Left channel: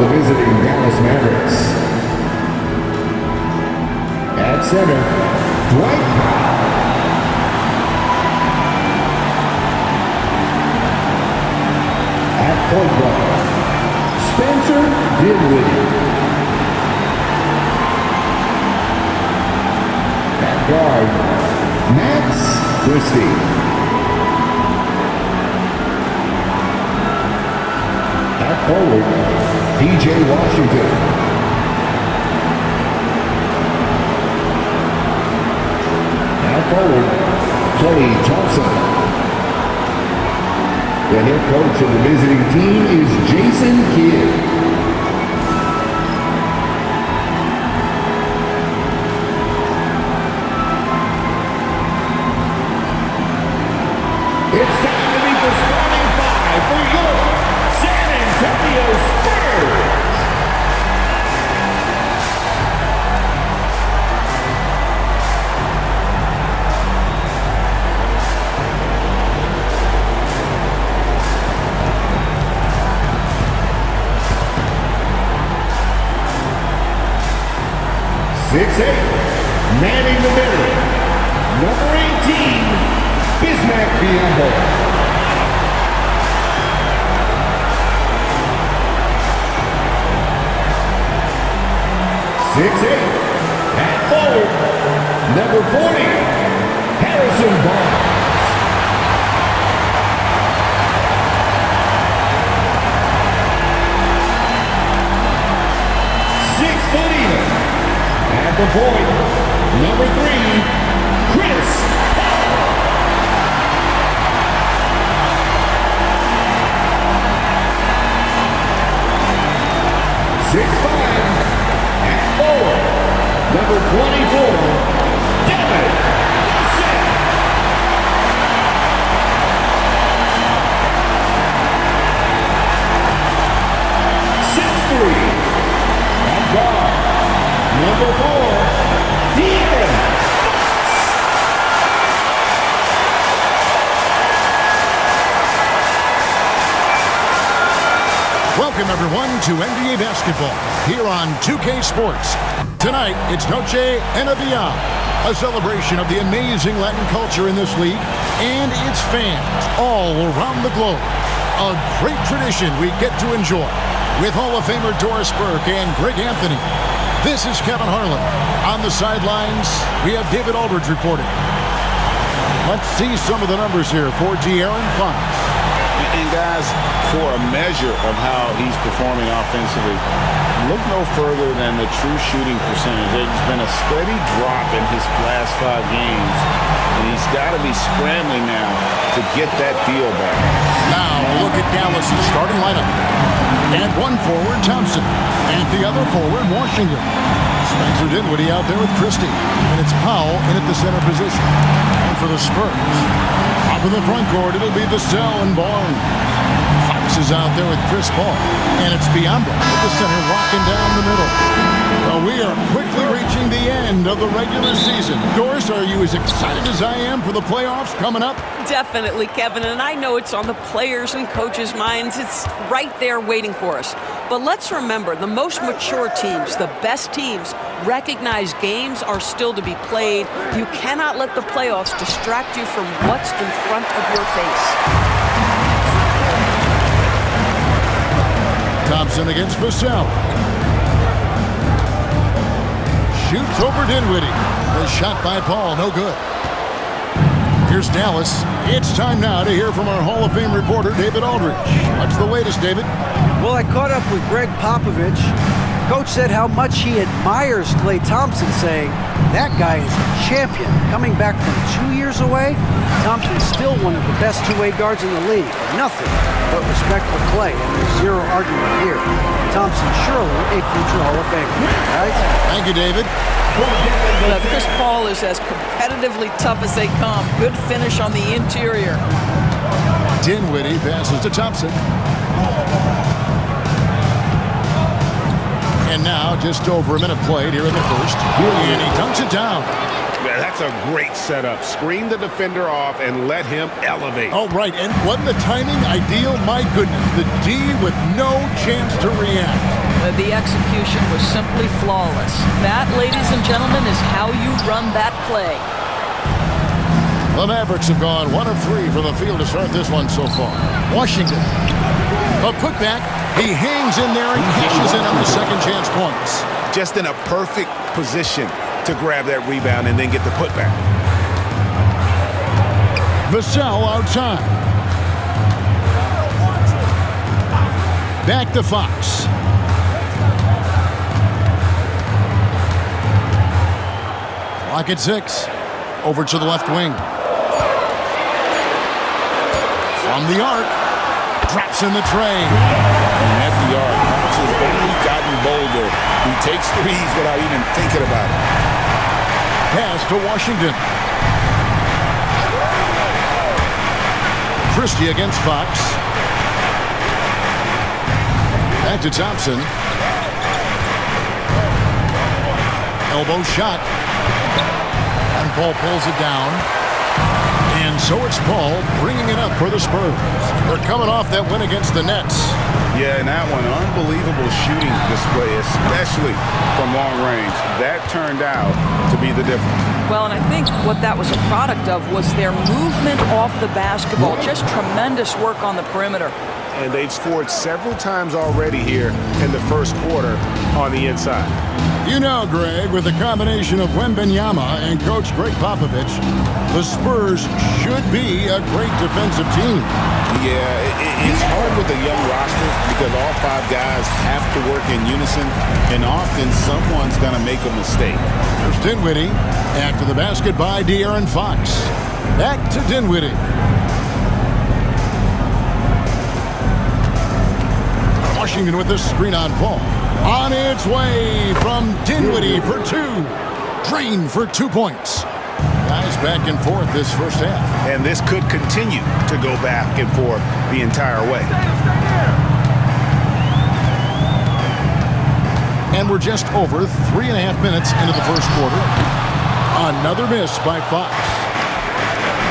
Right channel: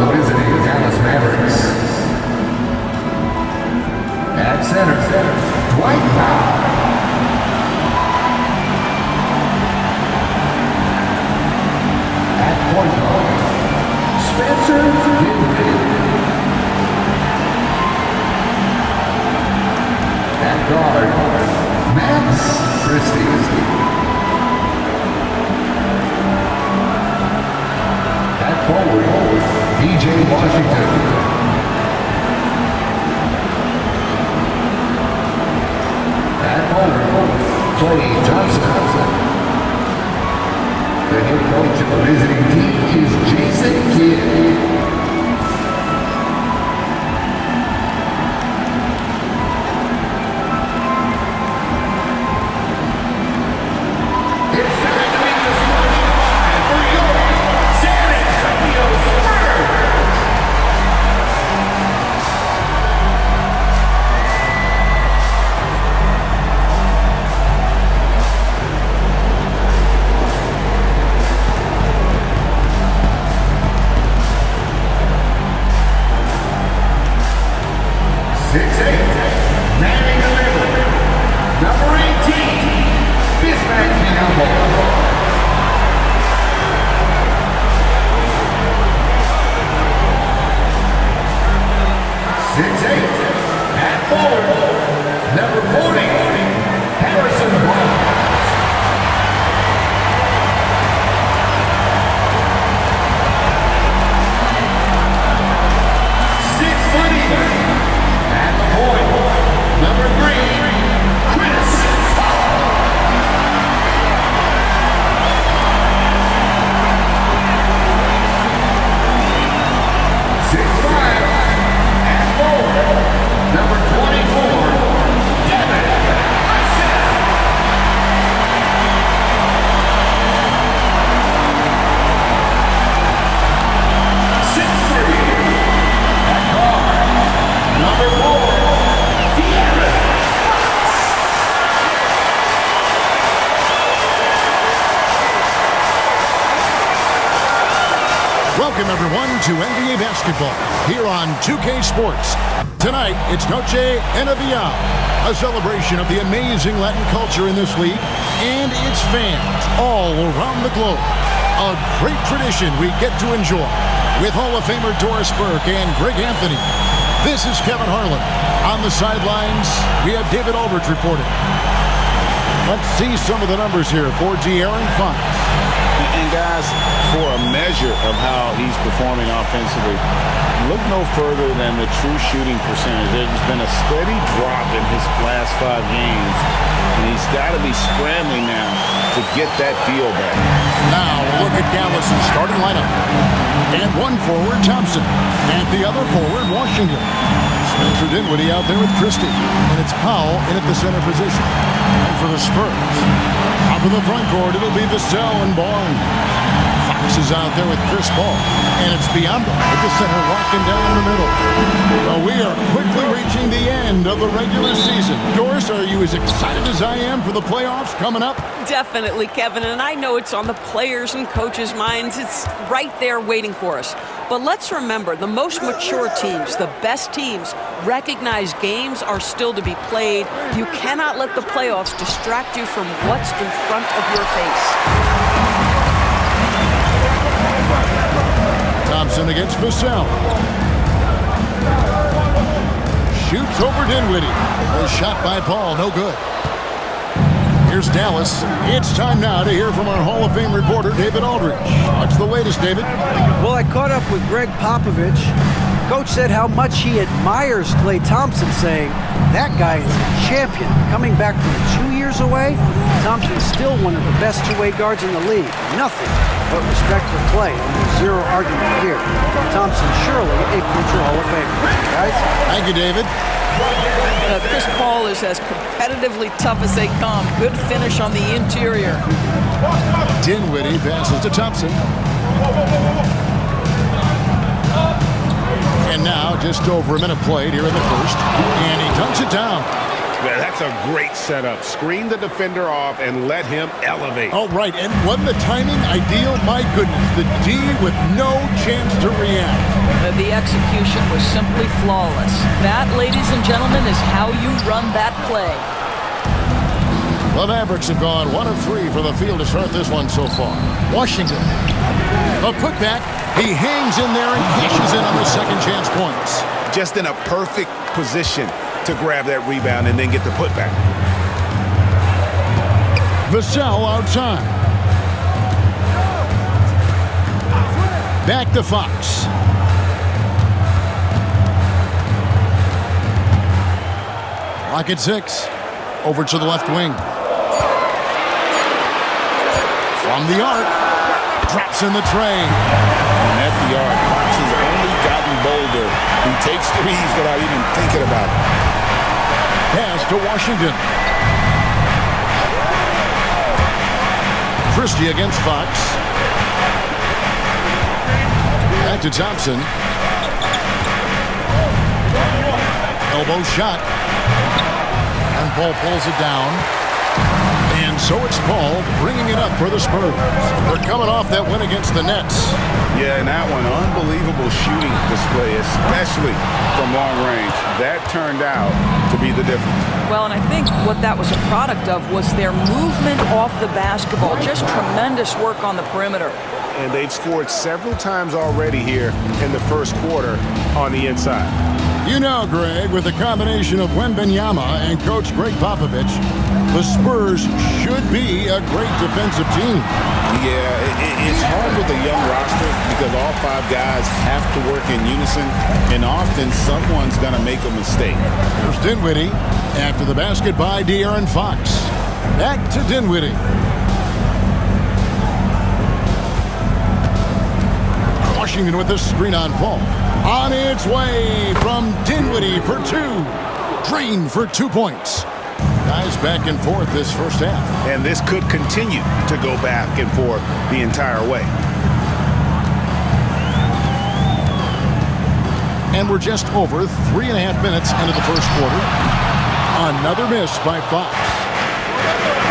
the visiting Dallas Mavericks. At center, Dwight Powell. At point guard, Spencer Dinwiddie. At guard, Max Christie. At forward, P.J. Washington. At forward, Klay Thompson. The head coach of the visiting team is Jason Kidd. It's time to meet the starting five for your San Antonio Spurs. Manning the middle, number 18, Bismack Biyombo. 6'8", at forward, number 40, Harrison Barnes. 6 foot even, at the point, number 3, Chris Paul. 6'5", at forward, number 24, Devin Vassell. 6'3", at guard, number 4, De'Aaron Fox. Welcome, everyone, to NBA basketball here on 2K Sports. Tonight, it's Noche NBA, a celebration of the amazing Latin culture in this league and its fans all around the globe. A great tradition we get to enjoy with Hall of Famer Doris Burke and Greg Anthony. This is Kevin Harlan. On the sidelines, we have David Aldridge reporting. Let's see some of the numbers here for De'Aaron Fox. And guys, for a measure of how he's performing offensively, look no further than the true shooting percentage. There's been a steady drop in his last 5 games, and he's got to be scrambling now to get that feel back. Now look at Dallas' starting lineup. And one forward, Thompson. And the other forward, Washington. Spencer Dinwiddie out there with Christie. And it's Powell in at the center position. And for the Spurs, top of the front court, it'll be Vassell and Barnes. Fox is out there with Chris Paul. And it's Biyombo at the center, locking down the middle. Well, we are quickly reaching the end of the regular season. Doris, are you as excited as I am for the playoffs coming up? Definitely, Kevin, and I know it's on the players' and coaches' minds. It's right there waiting for us. But let's remember, the most mature teams, the best teams, recognize games are still to be played. You cannot let the playoffs distract you from what's in front of your face. Thompson against Vassell. Shoots over Dinwiddie. The shot by Paul, no good. Here's Dallas. It's time now to hear from our Hall of Fame reporter, David Aldridge. What's the latest, David? Well, I caught up with Greg Popovich. Coach said how much he admires Klay Thompson, saying, that guy is a champion. Coming back from 2 years away, Thompson's still one of the best two-way guards in the league. Nothing but respect for Klay, and there's zero argument here. Thompson surely a future Hall of Famer. Guys? Thank you, David. Chris Paul is as competitively tough as they come. Good finish on the interior. Dinwiddie passes to Thompson. And now, just over a minute played here in the first. And he dunks it down. Yeah, that's a great setup. Screen the defender off and let him elevate. All right, and wasn't the timing ideal? My goodness, the D with no chance to react. The execution was simply flawless. That, ladies and gentlemen, is how you run that play. The Mavericks have gone 1 of 3 from the field to start this one so far. Washington. The putback. He hangs in there and cashes in on the second chance points. Just in a perfect position to grab that rebound and then get the putback. Vassell outside. Back to Fox. Clock at 6. Over to the left wing. From the arc. Drops in the tray. And at the arc, Fox has only gotten bolder. He takes threes without even thinking about it. Pass to Washington. Christie against Fox. Back to Thompson. Elbow shot. And Paul pulls it down. And so it's Paul bringing it up for the Spurs. They're coming off that win against the Nets. Yeah, and that one, unbelievable shooting display, especially from long range. That turned out to be the difference. Well, and I think what that was a product of was their movement off the basketball. Just tremendous work on the perimeter. And they've scored several times already here in the first quarter on the inside. You know, Greg, with the combination of Wembanyama and Coach Greg Popovich, the Spurs should be a great defensive team. Yeah, it's hard with a young roster because all 5 guys have to work in unison, and often someone's going to make a mistake. Here's Dinwiddie after the basket by De'Aaron Fox. Back to Dinwiddie. Washington with the screen on Paul. On its way from Dinwiddie for 2. Drained for 2 points. Guys back and forth this first half. And this could continue to go back and forth the entire way. And we're just over 3.5 minutes into the first quarter. Another miss by Fox.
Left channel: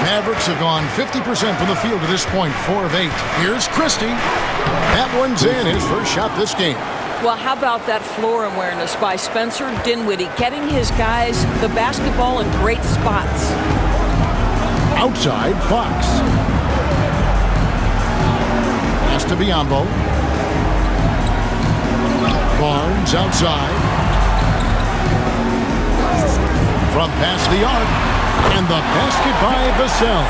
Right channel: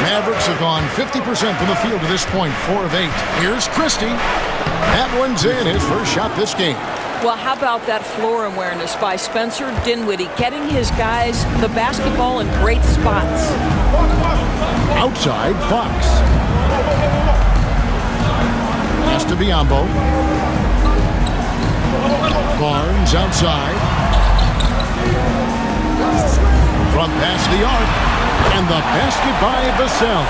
Mavericks have gone 50% from the field to this point, 4 of 8. Here's Christie. That one's in, his first shot this game. Well, how about that floor awareness by Spencer Dinwiddie, getting his guys the basketball in great spots. Outside, Fox. Pass to Biyombo. Barnes outside. From past the arc. And the basket by Vassell.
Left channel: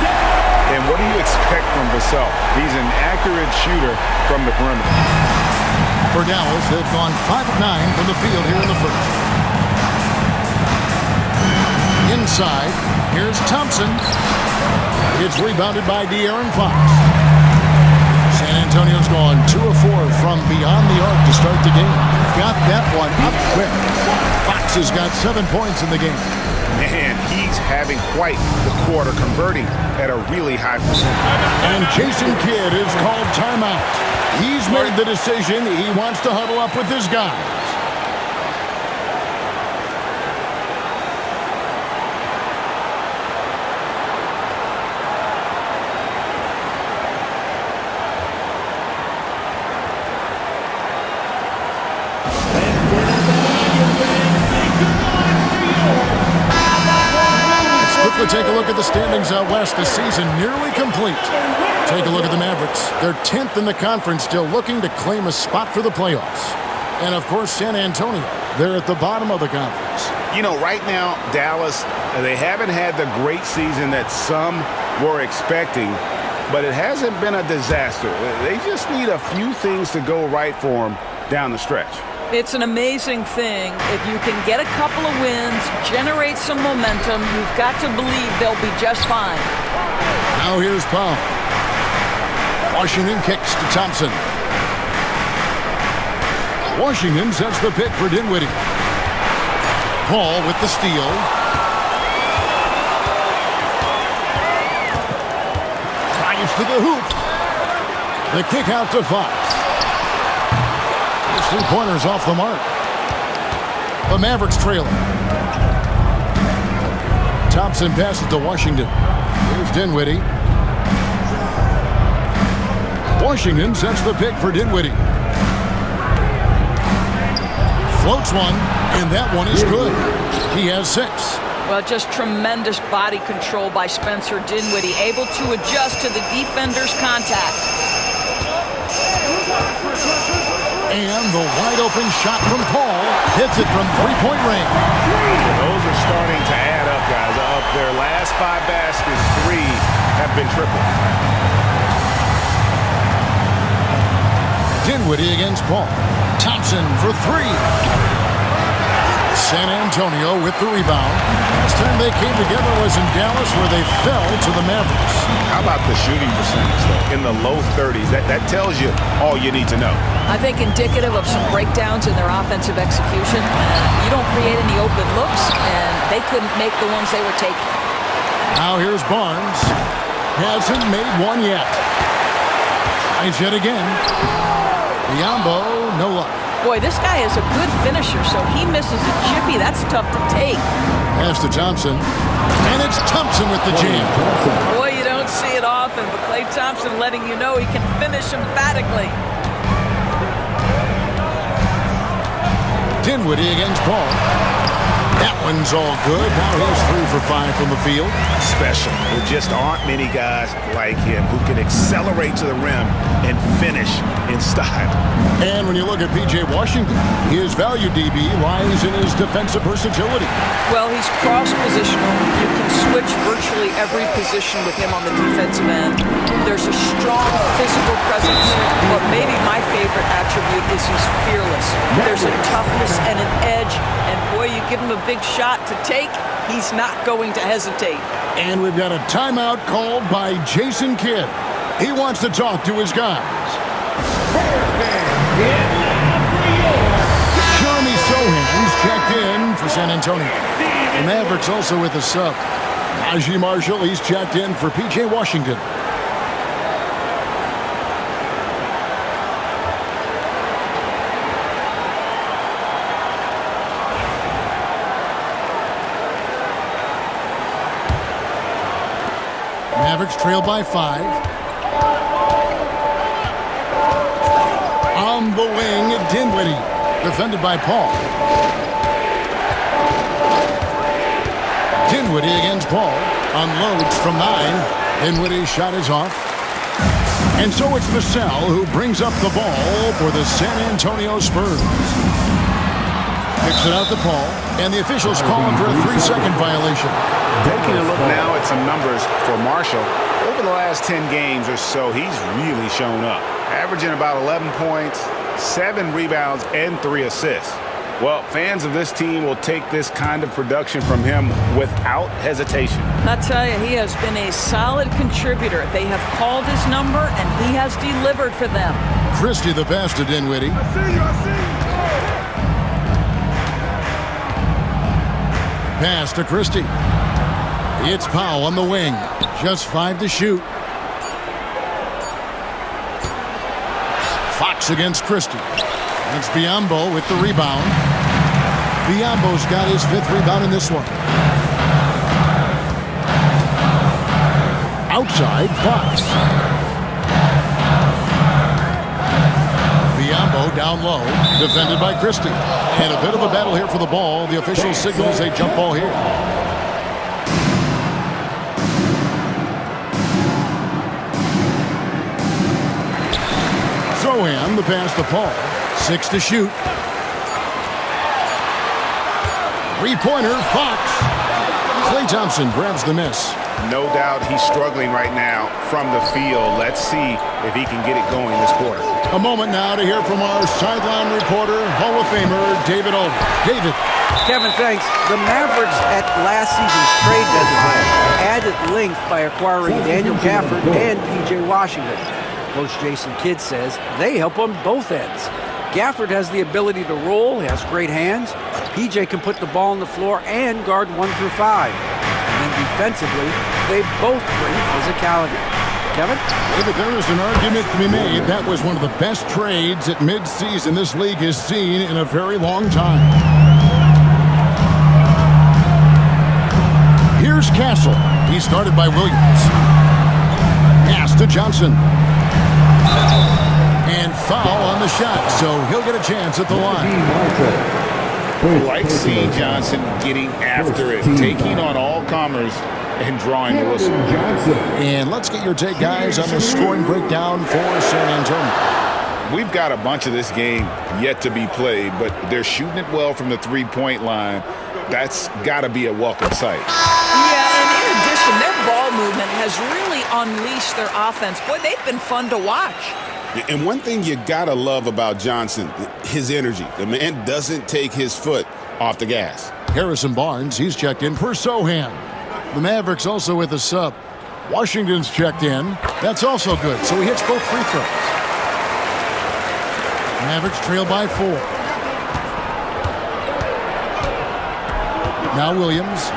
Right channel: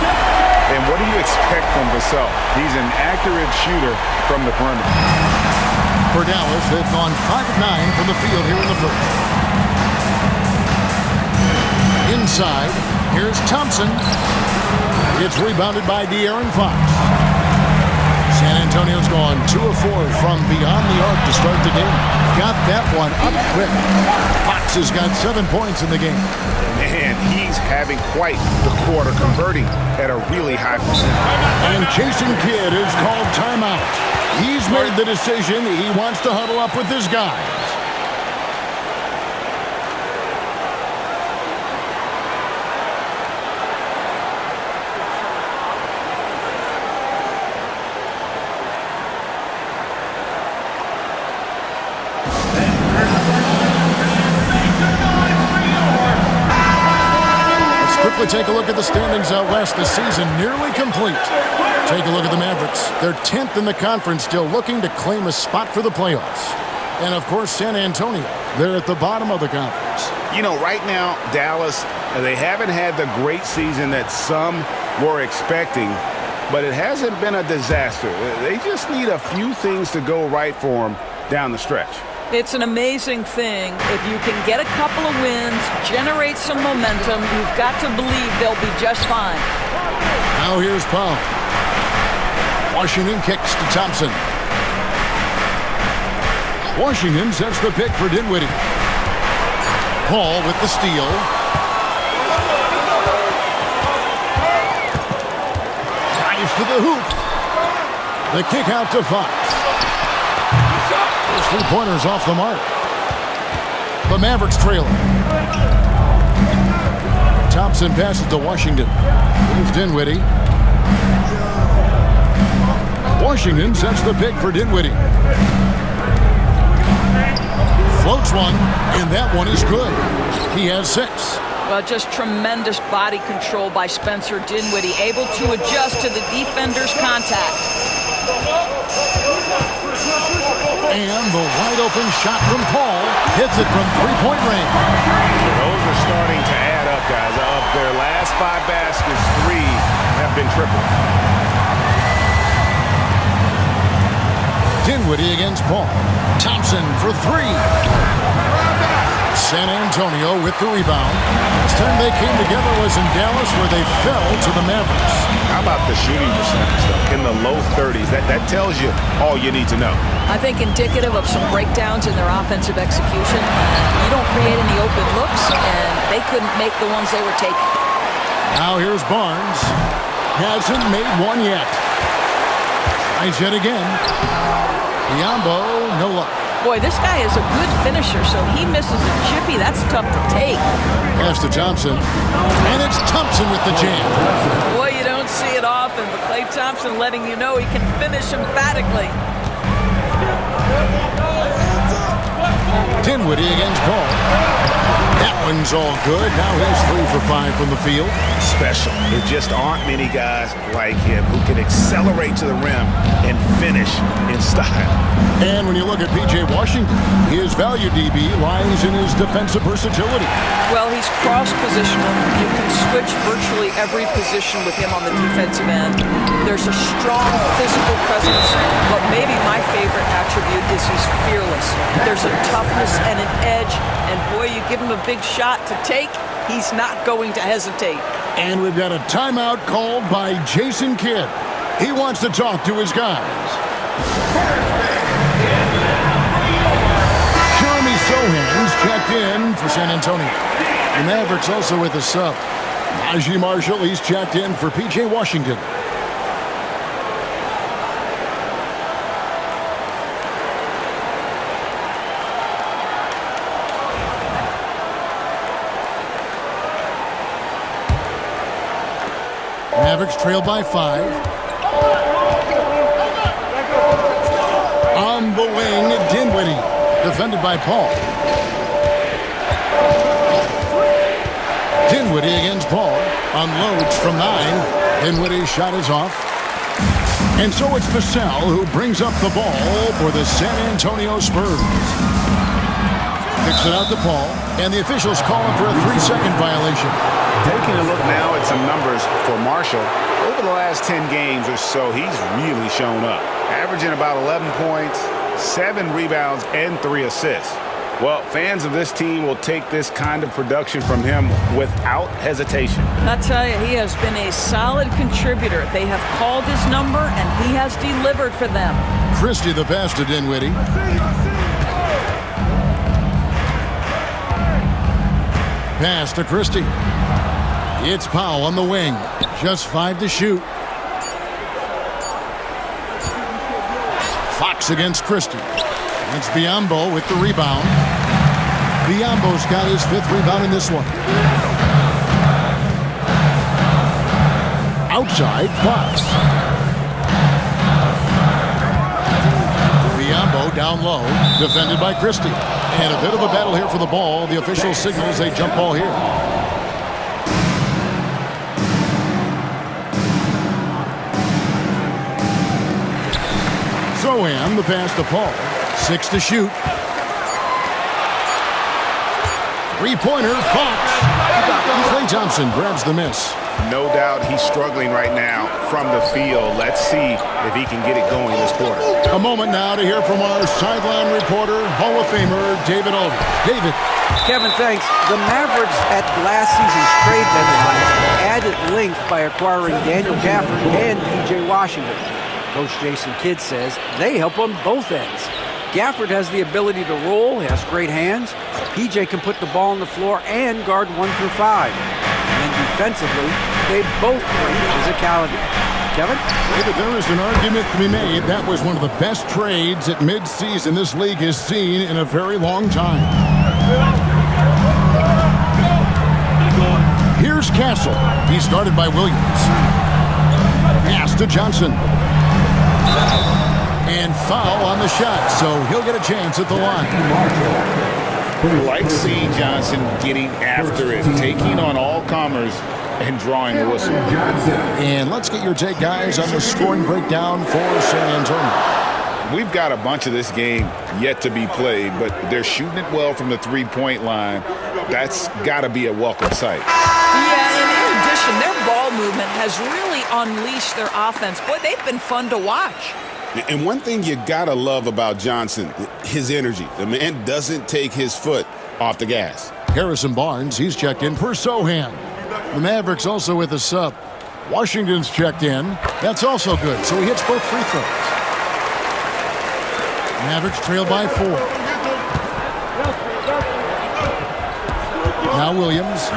And what do you expect from Vassell? He's an accurate shooter from the perimeter. For Dallas, they've gone 5 of 9 from the field here in the first. Inside, here's Thompson. It's rebounded by De'Aaron Fox. San Antonio's gone 2 of 4 from beyond the arc to start the game. Got that one up quick. Fox has got 7 points in the game. Man, he's having quite the quarter, converting at a really high percentage. And Jason Kidd is called timeout. He's made the decision. He wants to huddle up with his guys. Quickly take a look at the standings out west. The season nearly complete. Take a look at the Mavericks. They're 10th in the conference, still looking to claim a spot for the playoffs. And, of course, San Antonio. They're at the bottom of the conference. You know, right now, Dallas, they haven't had the great season that some were expecting, but it hasn't been a disaster. They just need a few things to go right for them down the stretch. It's an amazing thing. If you can get a couple of wins, generate some momentum, you've got to believe they'll be just fine. Now here's Paul. Washington kicks to Thompson. Washington sets the pick for Dinwiddie. Paul with the steal. Drives to the hoop. The kick out to Fox. 3-pointers off the mark. The Mavericks trailing. Thompson passes to Washington. Here's Dinwiddie. Washington sets the pick for Dinwiddie. Floats one, and that one is good. He has 6. Well, just tremendous body control by Spencer Dinwiddie, able to adjust to the defender's contact. And the wide-open shot from Paul hits it from three-point range. Those are starting to add up, guys. Of their last 5 baskets, 3 have been triple. Dinwiddie against Paul. Thompson for 3. San Antonio with the rebound. Last time they came together was in Dallas, where they fell to the Mavericks. How about the shooting percentage, though? In the low 30s. That tells you all you need to know. I think indicative of some breakdowns in their offensive execution. You don't create any open looks, and they couldn't make the ones they were taking. Now here's Barnes. Hasn't made one yet. Tries yet again. Biyombo, no luck. Boy, this guy is a good finisher, so he misses a chippy. That's tough to take. Pass to Thompson. And it's Thompson with the jam. Boy, you don't see it often, but Klay Thompson letting you know he can finish emphatically. Dinwiddie against Paul. That one's all good. Now he's 3 for 5 from the field. Special. There just aren't many guys like him who can accelerate to the rim and finish in style. And when you look at P.J. Washington, his value DB lies in his defensive versatility. Well, he's cross-positional. You can switch virtually every position with him on the defensive end. There's a strong physical presence, but maybe my favorite attribute is he's fearless. There's a toughness and an edge, and boy, you give him a big shot to take, he's not going to hesitate. And we've got a timeout called by Jason Kidd. He wants to talk to his guys. Jeremy Sohan's checked in for San Antonio. The Mavericks also with a sub. Najee Marshall, he's checked in for P.J. Washington. Mavericks trail by 5. On the wing, Dinwiddie, defended by Paul. Dinwiddie against Paul. Unloads from 9. Dinwiddie's shot is off. And so it's Vassell who brings up the ball for the San Antonio Spurs. Kicks it out to Paul, and the officials call him for a 3-second violation. Taking a look now at some numbers for Marshall. Over the last 10 games or so, he's really shown up. Averaging about 11 points, 7 rebounds, and 3 assists. Well, fans of this team will take this kind of production from him without hesitation. I tell you, he has been a solid contributor. They have called his number, and he has delivered for them. Christie the pass to Dinwiddie. I see you. Pass to Christie. It's Powell on the wing. Just 5 to shoot. Fox against Christie. It's Biyombo with the rebound. Biyombo's got his 5th rebound in this one. Outside, Fox. Biyombo down low, defended by Christie. And a bit of a battle here for the ball. The official signals a jump ball here. Sohan, the pass to Paul. 6 to shoot. 3-pointer, Fox. Klay Thompson grabs the miss. No doubt he's struggling right now from the field. Let's see if he can get it going this quarter. A moment now to hear from our sideline reporter, Hall of Famer David Aldridge. David. Kevin, thanks. The Mavericks at last season's trade deadline added length by acquiring Daniel Gafford and P.J. Washington. Coach Jason Kidd says they help on both ends. Gafford has the ability to roll, has great hands. PJ can put the ball on the floor and guard 1 through 5. And then defensively, they both bring physicality. Kevin? David, there is an argument to be made. That was one of the best trades at midseason this league has seen in a very long time. Here's Castle. He's guarded by Williams. Pass to Johnson. And foul on the shot, so he'll get a chance at the line. Like seeing Johnson getting after it, taking on all comers and drawing the whistle. And let's get your take, guys, on the scoring breakdown for San Antonio. We've got a bunch of this game yet to be played, but they're shooting it well from the three-point line. That's got to be a welcome sight. Yeah, and in addition, their ball movement has really unleashed their offense. Boy, they've been fun to watch. And one thing you got to love about Johnson, his energy. The man doesn't take his foot off the gas. Harrison Barnes, he's checked in for Sohan. The Mavericks also with a sub. Washington's checked in. That's also good, so he hits both free throws. Mavericks trail by 4. Now Williams,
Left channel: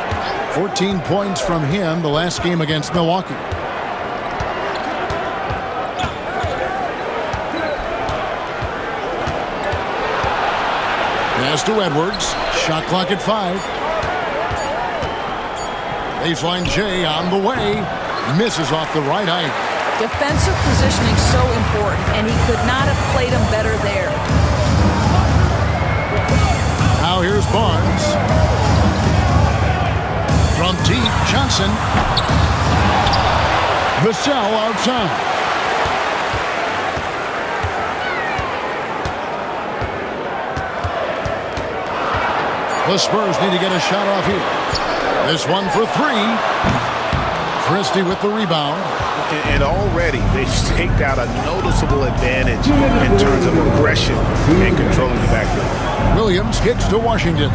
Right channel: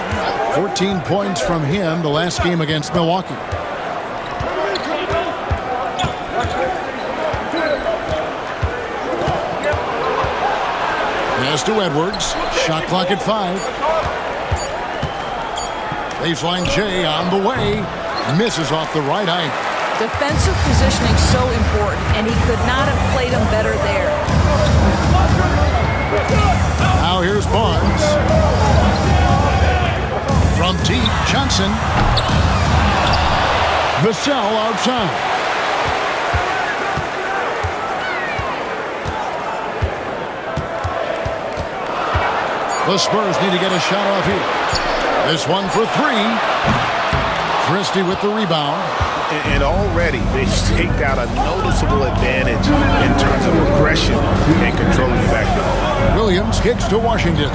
14 points from him the last game against Milwaukee. Pass to Edwards. Shot clock at 5. Baseline J on the way. Misses off the right eye. Defensive positioning so important, and he could not have played him better there. Now here's Barnes. From deep, Johnson. Vassell outside. The Spurs need to get a shot off here. This one for 3. Christie with the rebound. And already they've staked out a noticeable advantage in terms of aggression and controlling the backdoor. Williams kicks to Washington.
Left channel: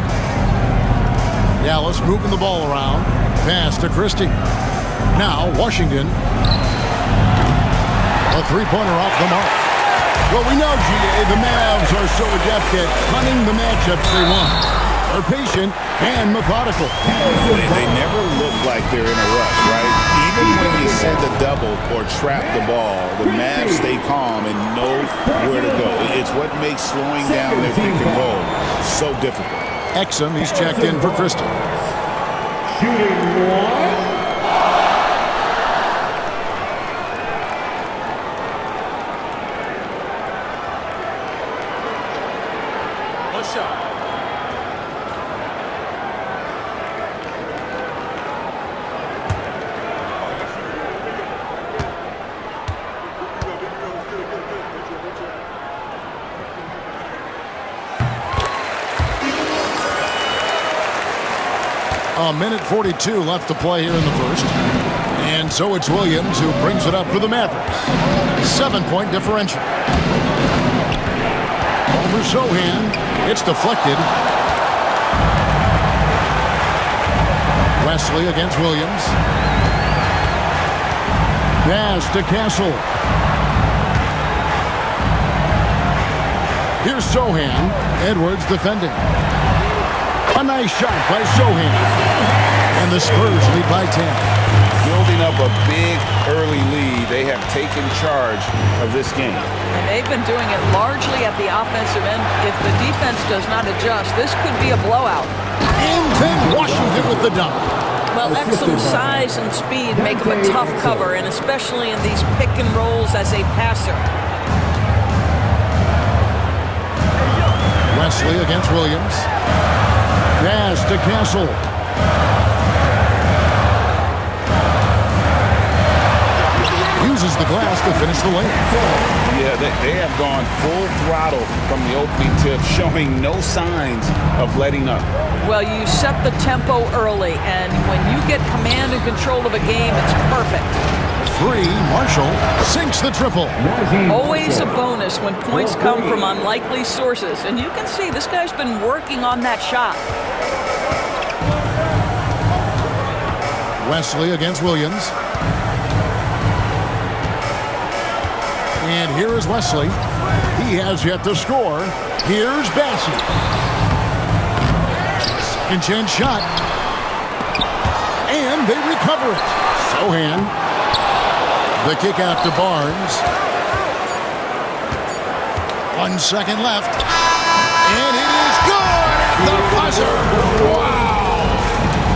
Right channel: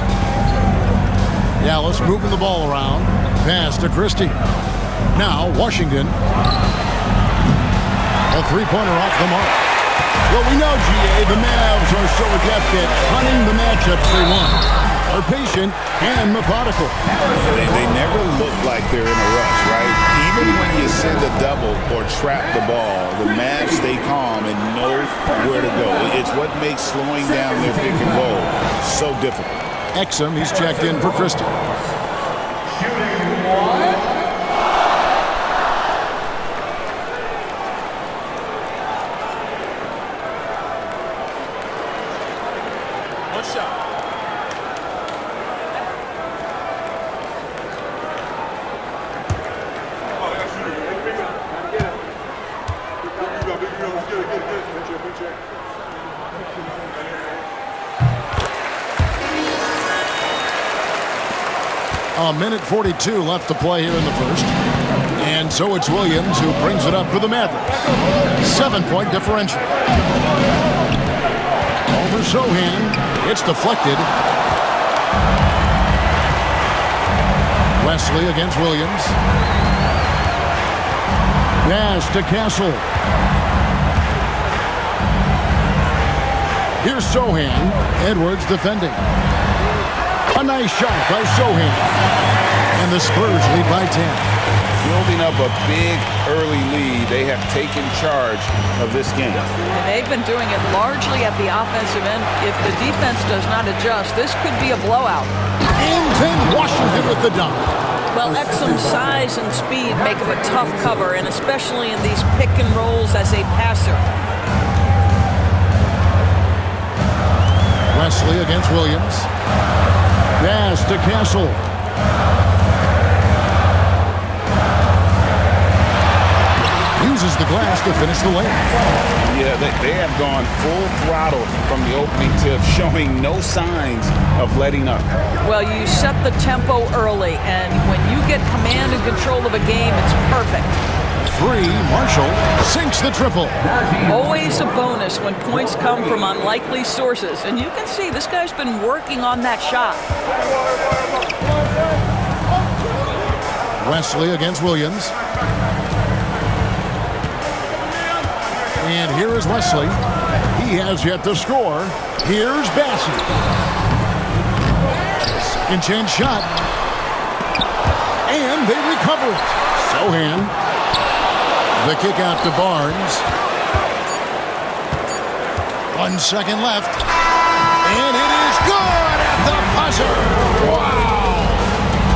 Dallas moving the ball around. Pass to Christie. Now Washington. A three-pointer off the mark. Well, we know, GA, the Mavs are so adept at hunting the matchups they want. They're patient and methodical. They never look like they're in a rush, right? Even when you send a double or trap the ball, the Mavs stay calm and know where to go. It's what makes slowing down their pick and roll so difficult. Exum, he's checked in for Christie. Shooting 1. One shot. A minute 42 left to play here in the first. And so it's Williams who brings it up for the Mavericks. 7-point differential. Over Sohan. It's deflected. Wesley against Williams. Pass to Castle. Here's Sohan. Edwards defending. A nice shot by Sohan. And the Spurs lead by 10. Building up a big early lead. They have taken charge of this game. And they've been doing it largely at the offensive end. If the defense does not adjust, this could be a blowout. And then Washington with the dunk. Well, Exum's size and speed make him a tough cover, and especially in these pick and rolls as a passer. Wesley against Williams. Pass to Castle. Uses the glass to finish the layup. Yeah, they have gone full throttle from the opening tip, showing no signs of letting up. Well, you set the tempo early, and when you get command and control of a game, it's perfect. 3, Marshall sinks the triple. Always a bonus when points come from unlikely sources, and you can see this guy's been working on that shot. Wesley against Williams. And here is Wesley. He has yet to score. Here's Bassett. Second chance shot. And they recover it. Sohan. The kick out to Barnes. 1 second left. And it is good at the buzzer. Wow.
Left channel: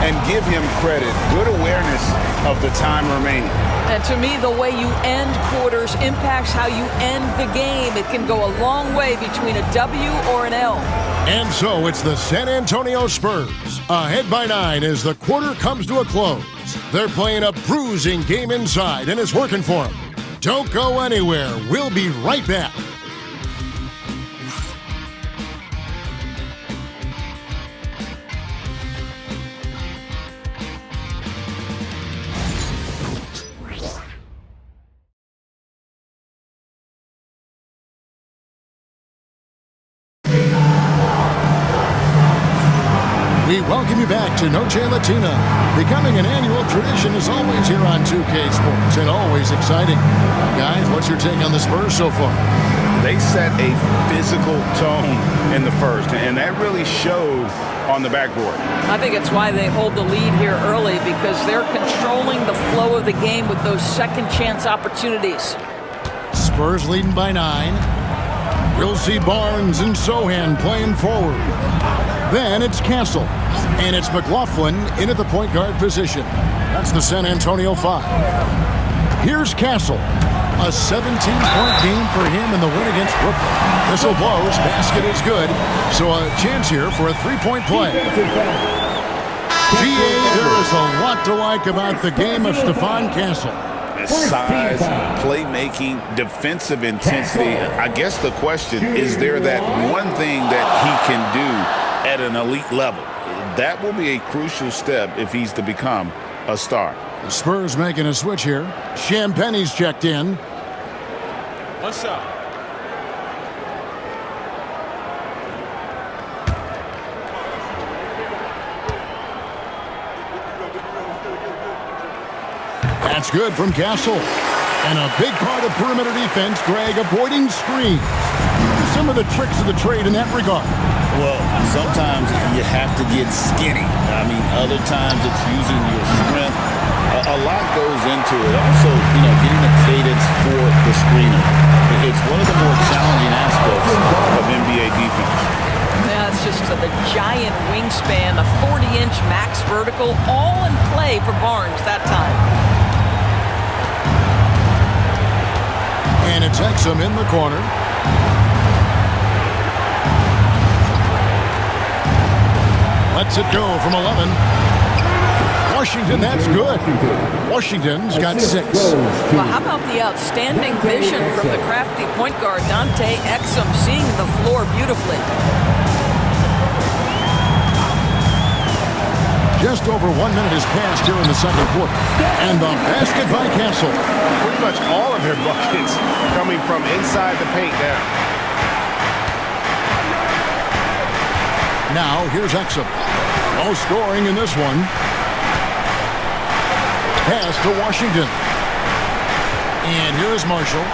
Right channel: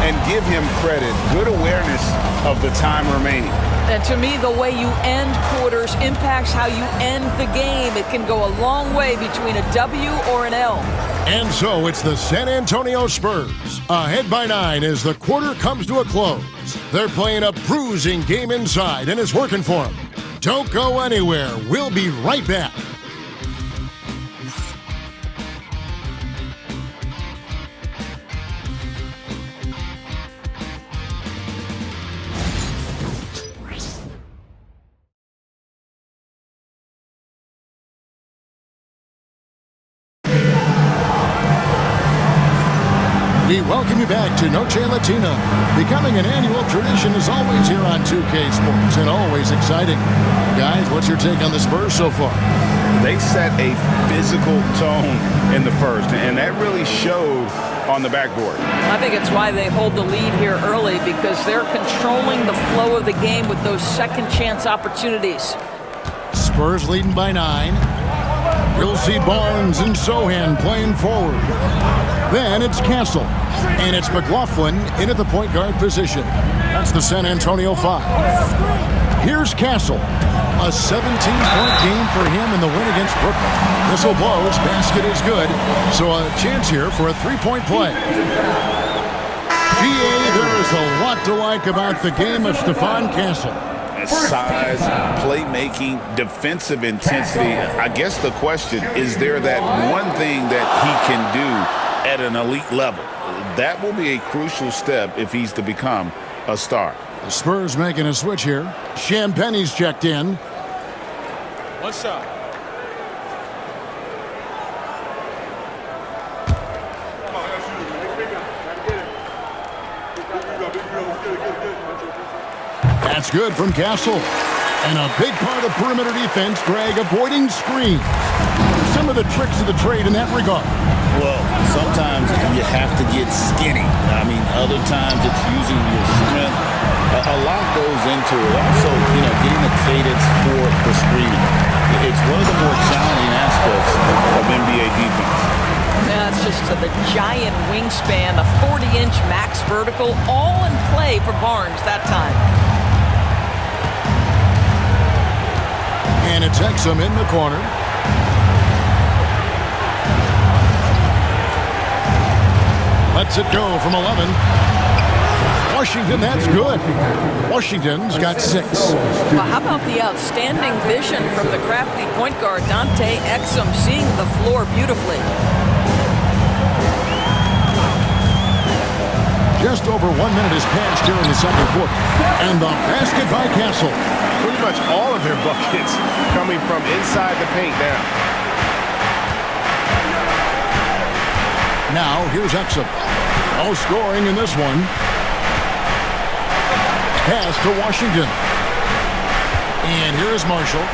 And give him credit. Good awareness of the time remaining. And to me, the way you end quarters impacts how you end the game. It can go a long way between a W or an L. And so it's the San Antonio Spurs, ahead by 9 as the quarter comes to a close. They're playing a bruising game inside, and it's working for them. Don't go anywhere. We'll be right back. We welcome you back to Noche Latina. Becoming an annual tradition is always here on 2K Sports and always exciting. Guys, what's your take on the Spurs so far? They set a physical tone in the first, and that really showed on the backboard. I think it's why they hold the lead here early, because they're controlling the flow of the game with those second chance opportunities. Spurs leading by 9. You'll see Barnes and Sohan playing forward. Then it's Castle, and it's McLaughlin in at the point guard position. That's the San Antonio 5. Here's Castle. A 17-point game for him in the win against Brooklyn. Whistle blows, basket is good, so a chance here for a three-point play. GA, there is a lot to like about the game of Stephon Castle. Size, playmaking, defensive intensity. I guess the question, is there that one thing that he can do at an elite level? That will be a crucial step if he's to become a star. The Spurs making a switch here. Champagne's checked in. One shot. That's good from Castle. And a big part of perimeter defense, Greg, avoiding screens. What are some of the tricks of the trade in that regard? Well, sometimes you have to get skinny. I mean, other times it's using your strength. A lot goes into it. Also, getting a cadence for the screener. It's one of the more challenging aspects of NBA defense. Yeah, it's just the giant wingspan, the 40-inch max vertical, all in play for Barnes that time. And it's Exum in the corner. Lets it go from 11. Washington, that's good. Washington's got 6. Well, how about the outstanding vision from the crafty point guard, Dante Exum, seeing the floor beautifully. Just over 1 minute has passed here in the second quarter. And the basket by Castle. Pretty much all of their buckets coming from inside the paint now. Now, here's Exum. No scoring in this one. Pass to Washington. And here's Marshall.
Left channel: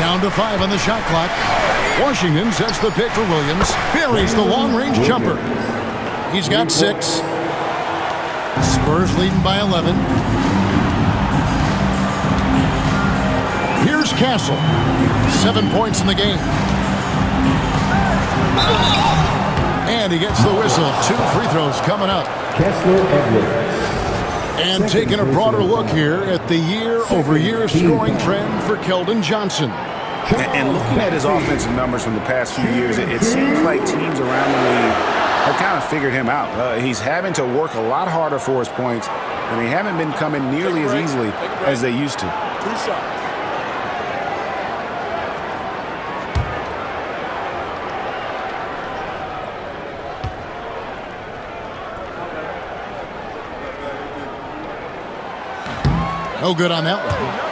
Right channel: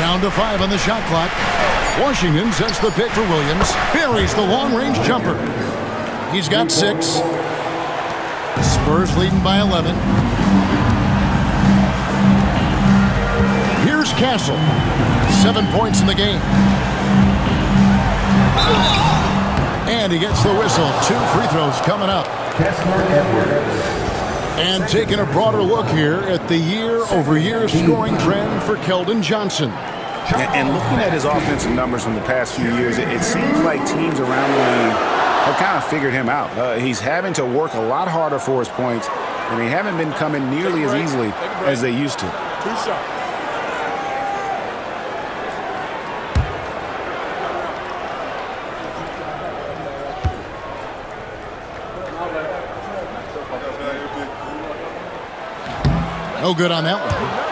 Down to 5 on the shot clock. Washington sets the pick for Williams. Buries the long-range jumper. He's got 6. Spurs leading by 11. Here's Castle. 7 points in the game. And he gets the whistle. 2 free throws coming up. Kessler Edwards. And taking a broader look here at the year-over-year scoring trend for Keldon Johnson. And looking at his offensive numbers from the past few years, it seems like teams around the league have kind of figured him out. He's having to work a lot harder for his points, and they haven't been coming nearly as easily as they used to. 2 shots. No good on that one.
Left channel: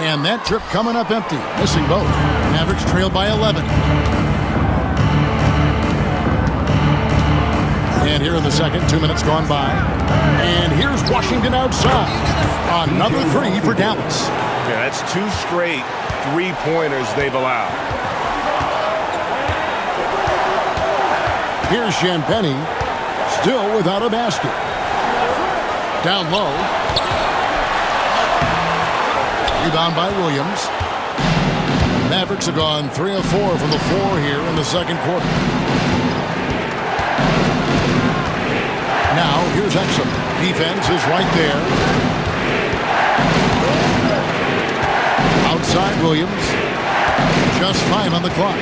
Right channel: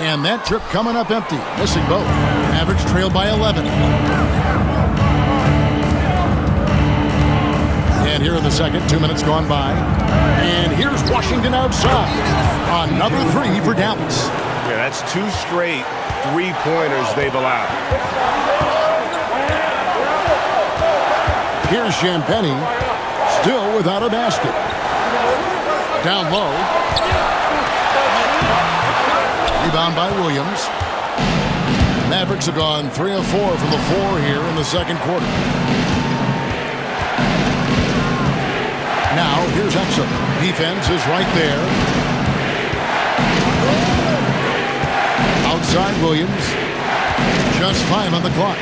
And that trip coming up empty, missing both. Mavericks trail by 11. And here in the second, 2 minutes gone by. And here's Washington outside. Another 3 for Dallas. Yeah, that's 2 straight 3-pointers they've allowed. Here's Champagny, still without a basket. Down low. Rebound by Williams. Mavericks have gone 3 of 4 from the floor here in the second quarter. Now, here's Exum. Defense is right there. Outside Williams. Just 5 on the clock.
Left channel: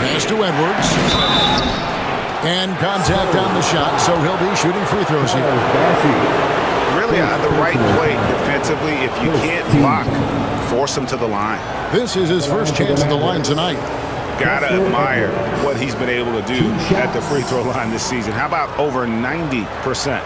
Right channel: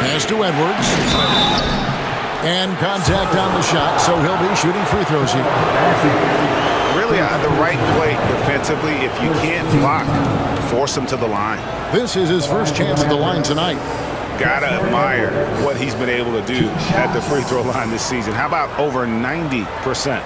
Pass to Edwards. And contact on the shot, so he'll be shooting free throws here. Really the right play defensively. If you can't block, force him to the line. This is his first chance at the line tonight. Gotta admire what he's been able to do at the free throw line this season. How about over 90%?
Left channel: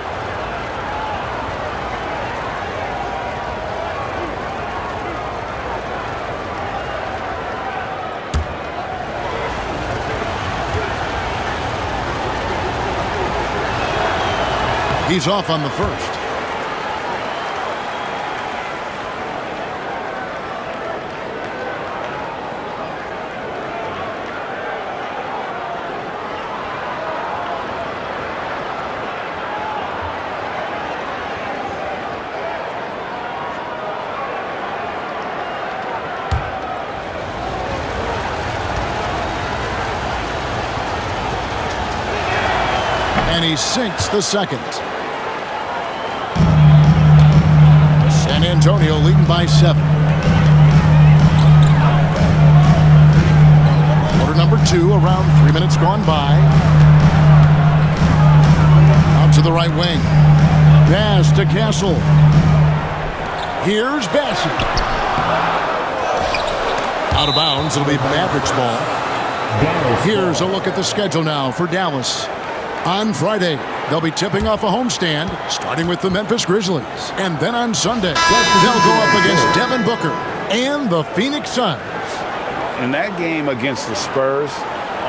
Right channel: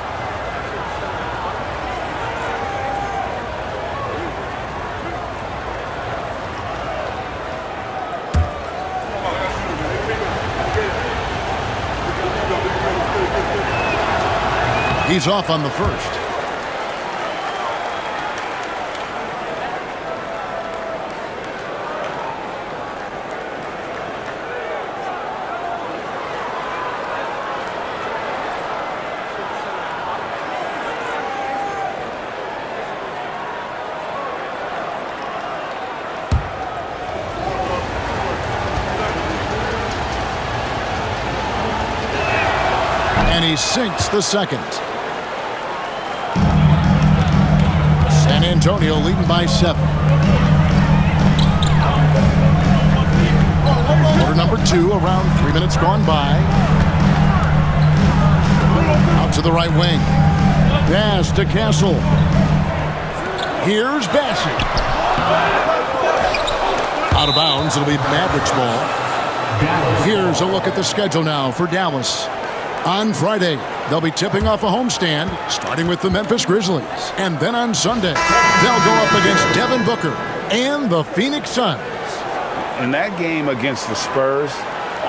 He's off on the first. And he sinks the second. San Antonio leading by 7. Quarter number 2, around 3 minutes gone by. Out to the right wing. Pass to Castle. Here's Bassey. Out of bounds, it'll be Mavericks ball. Here's a look at the schedule now for Dallas. On Friday, they'll be tipping off a homestand, starting with the Memphis Grizzlies. And then on Sunday, they'll go up against Devin Booker and the Phoenix Suns. In that game against the Spurs,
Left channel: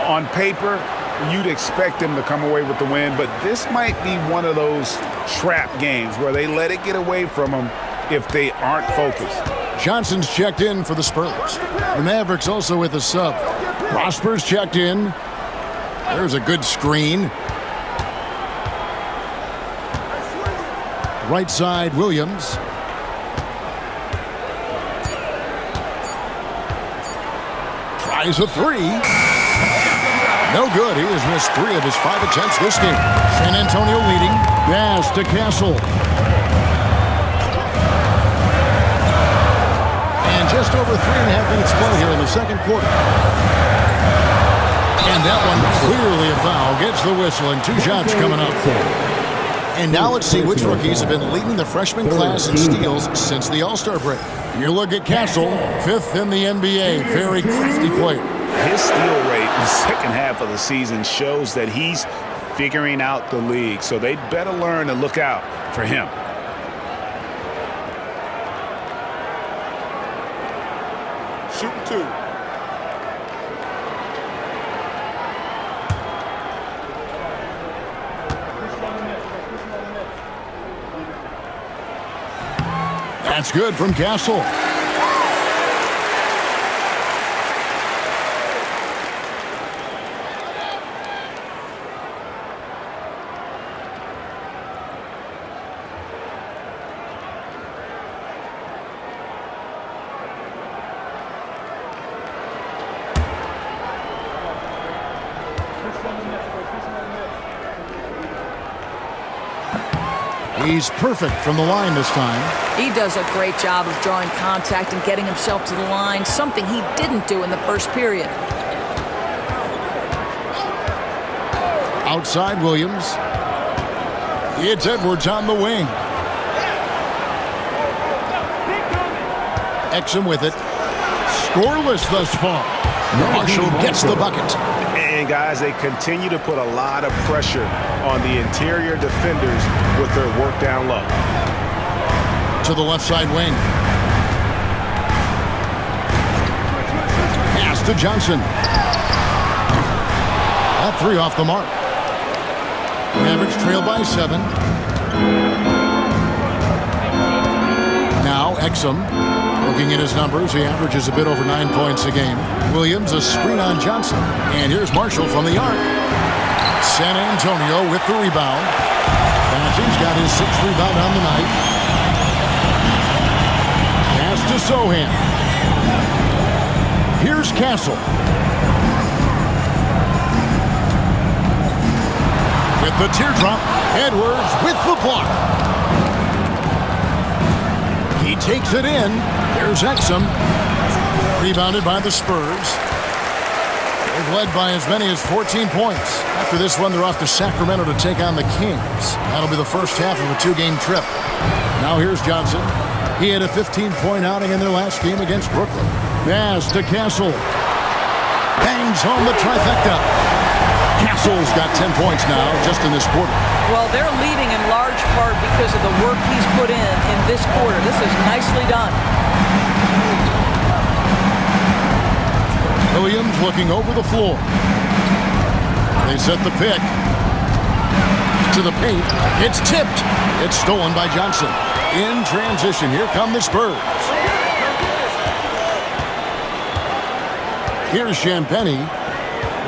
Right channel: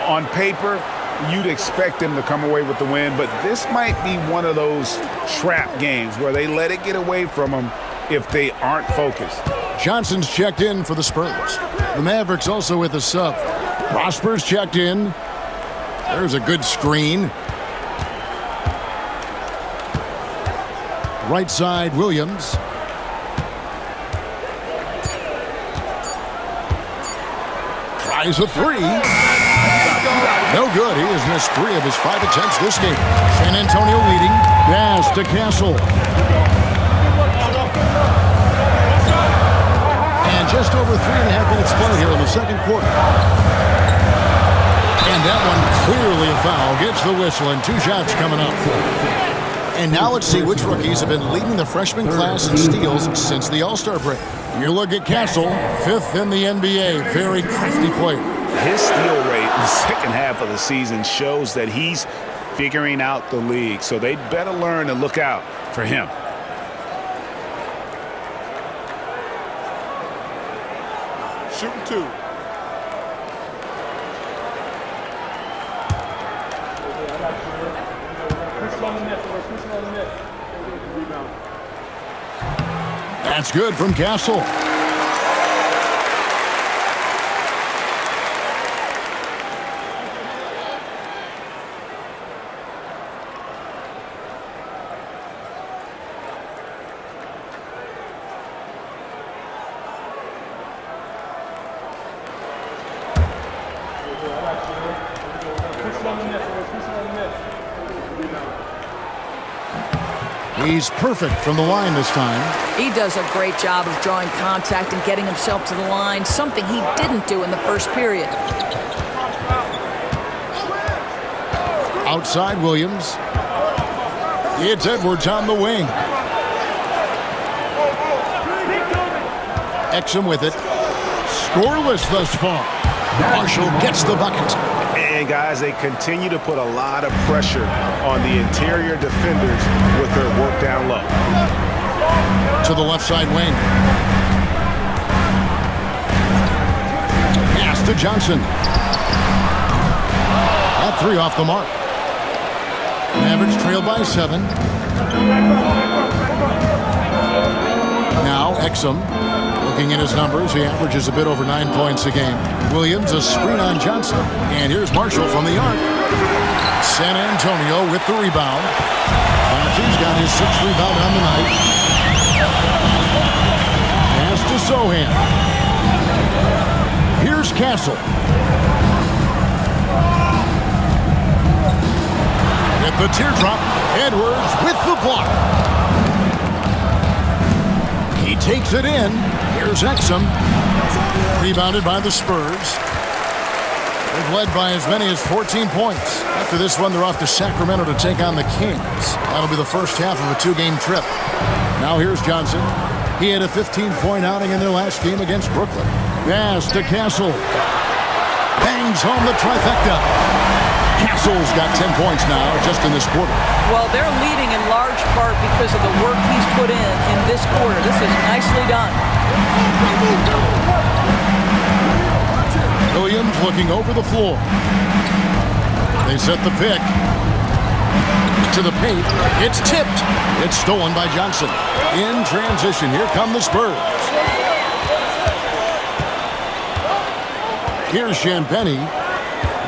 on paper, you'd expect them to come away with the win, but this might be one of those trap games where they let it get away from them if they aren't focused. Johnson's checked in for the Spurs. The Mavericks also with a sub. Prosper's checked in. There's a good screen. Right side, Williams. Tries a 3. No good. He has missed 3 of his 5 attempts this game. San Antonio leading. Pass to Castle. And just over 3.5 minutes played here in the second quarter. And that one clearly a foul. Gets the whistle and 2 shots coming up. And now let's see which rookies have been leading the freshman class in steals since the All-Star break. You look at Castle, 5th in the NBA. Very crafty player. His steal rate in the second half of the season shows that he's figuring out the league. So they better learn to look out for him. Shooting 2. That's good from Castle. He's perfect from the line this time. He does a great job of drawing contact and getting himself to the line, something he didn't do in the first period. Outside Williams. It's Edwards on the wing. Exum with it. Scoreless thus far. Marshall gets the bucket. And guys, they continue to put a lot of pressure on the interior defenders with their work down low. To the left side wing. Pass to Johnson. That 3 off the mark. Mavericks trail by 7. Now Exum. Looking at his numbers, he averages a bit over 9 points a game. Williams, a screen on Johnson. And here's Marshall from the arc. San Antonio with the rebound. Bassey's got his 6th rebound on the night. Pass to Sohan. Here's Castle. With the teardrop, Edwards with the block. He takes it in. Here's Exum. Rebounded by the Spurs. They've led by as many as 14 points. After this one, they're off to Sacramento to take on the Kings. That'll be the first half of a 2-game trip. Now here's Johnson. He had a 15-point outing in their last game against Brooklyn. Pass to Castle. Bangs home the trifecta. Castle's got 10 points now just in this quarter. Well, they're leading in large part because of the work he's put in this quarter. This is nicely done. Williams looking over the floor. They set the pick. To the paint. It's tipped. It's stolen by Johnson. In transition, here come the Spurs. Here's Champagny.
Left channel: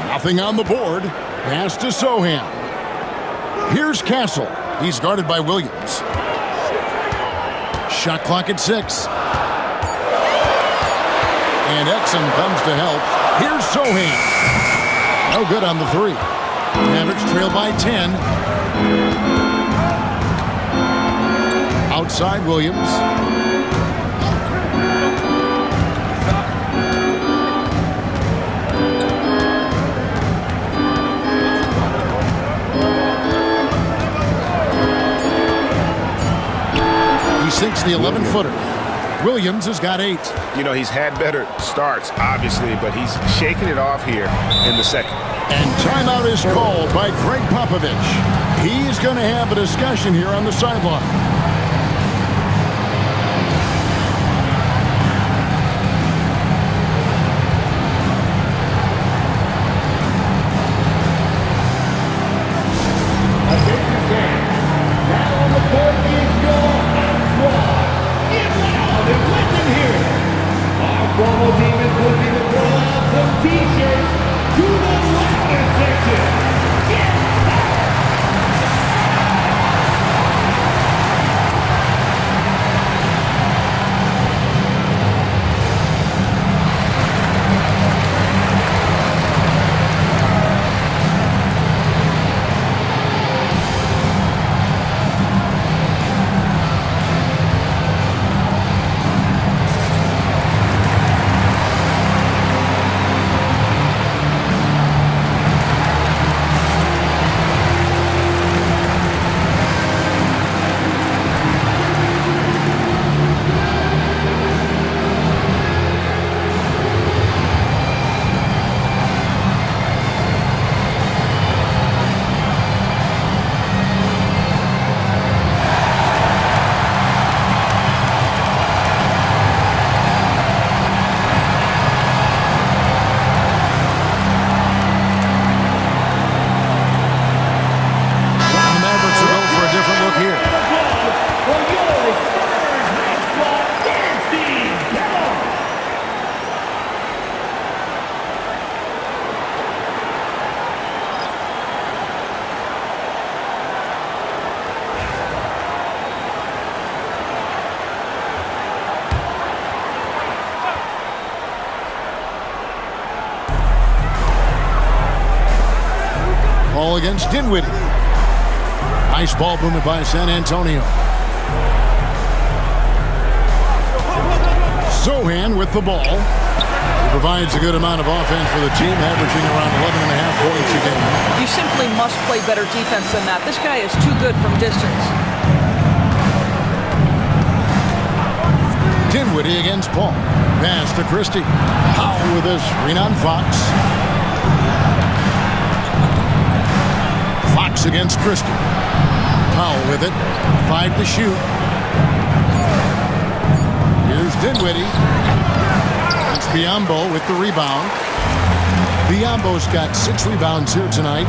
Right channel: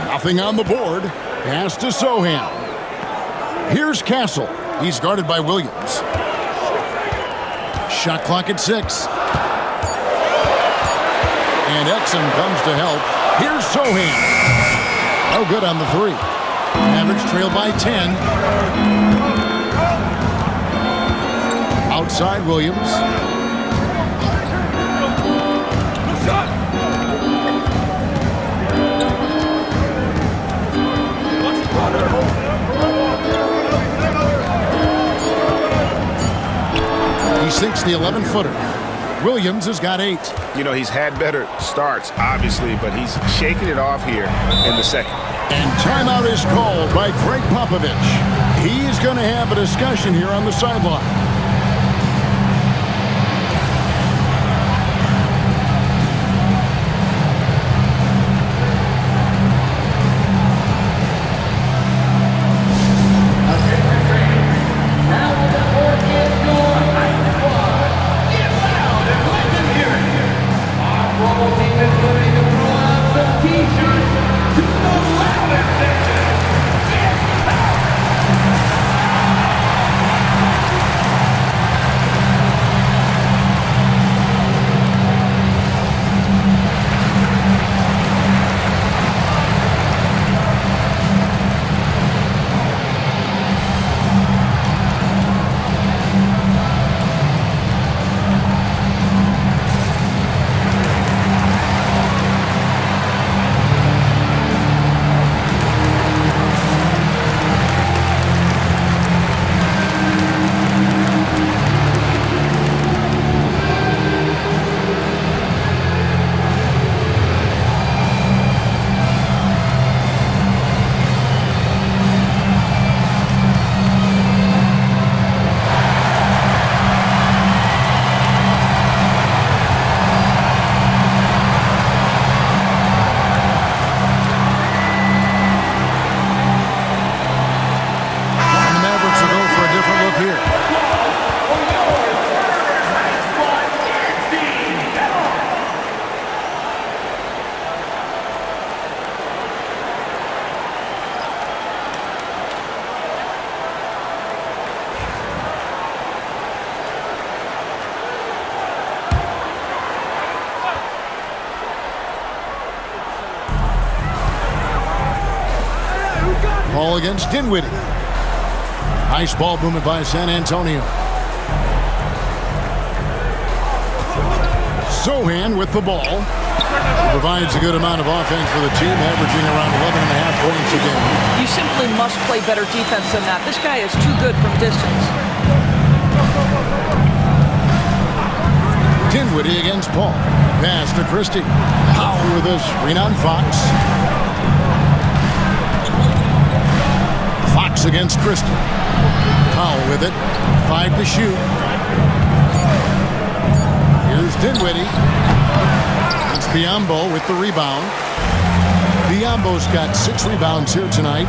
Nothing on the board. Pass to Sohan. Here's Castle. He's guarded by Williams. Shot clock at 6. And Exum comes to help. Here's Sohan. No good on the 3. Mavericks trail by 10. Outside Williams. He sinks the 11-footer. Williams has got 8. You know, he's had better starts, obviously, but he's shaking it off here in the second. And timeout is called by Greg Popovich. He's going to have a discussion here on the sideline. Ball against Dinwiddie. Nice ball movement by San Antonio. Sohan with the ball. He provides a good amount of offense for the team, averaging around 11.5 points a game. You simply must play better defense than that. This guy is too good from distance. Dinwiddie against Paul. Pass to Christie. Powell with a screen on Fox. Fox against Christie. Powell with it. 5 to shoot. Here's Dinwiddie. It's Biyombo with the rebound. Biyombo's got 6 rebounds here tonight.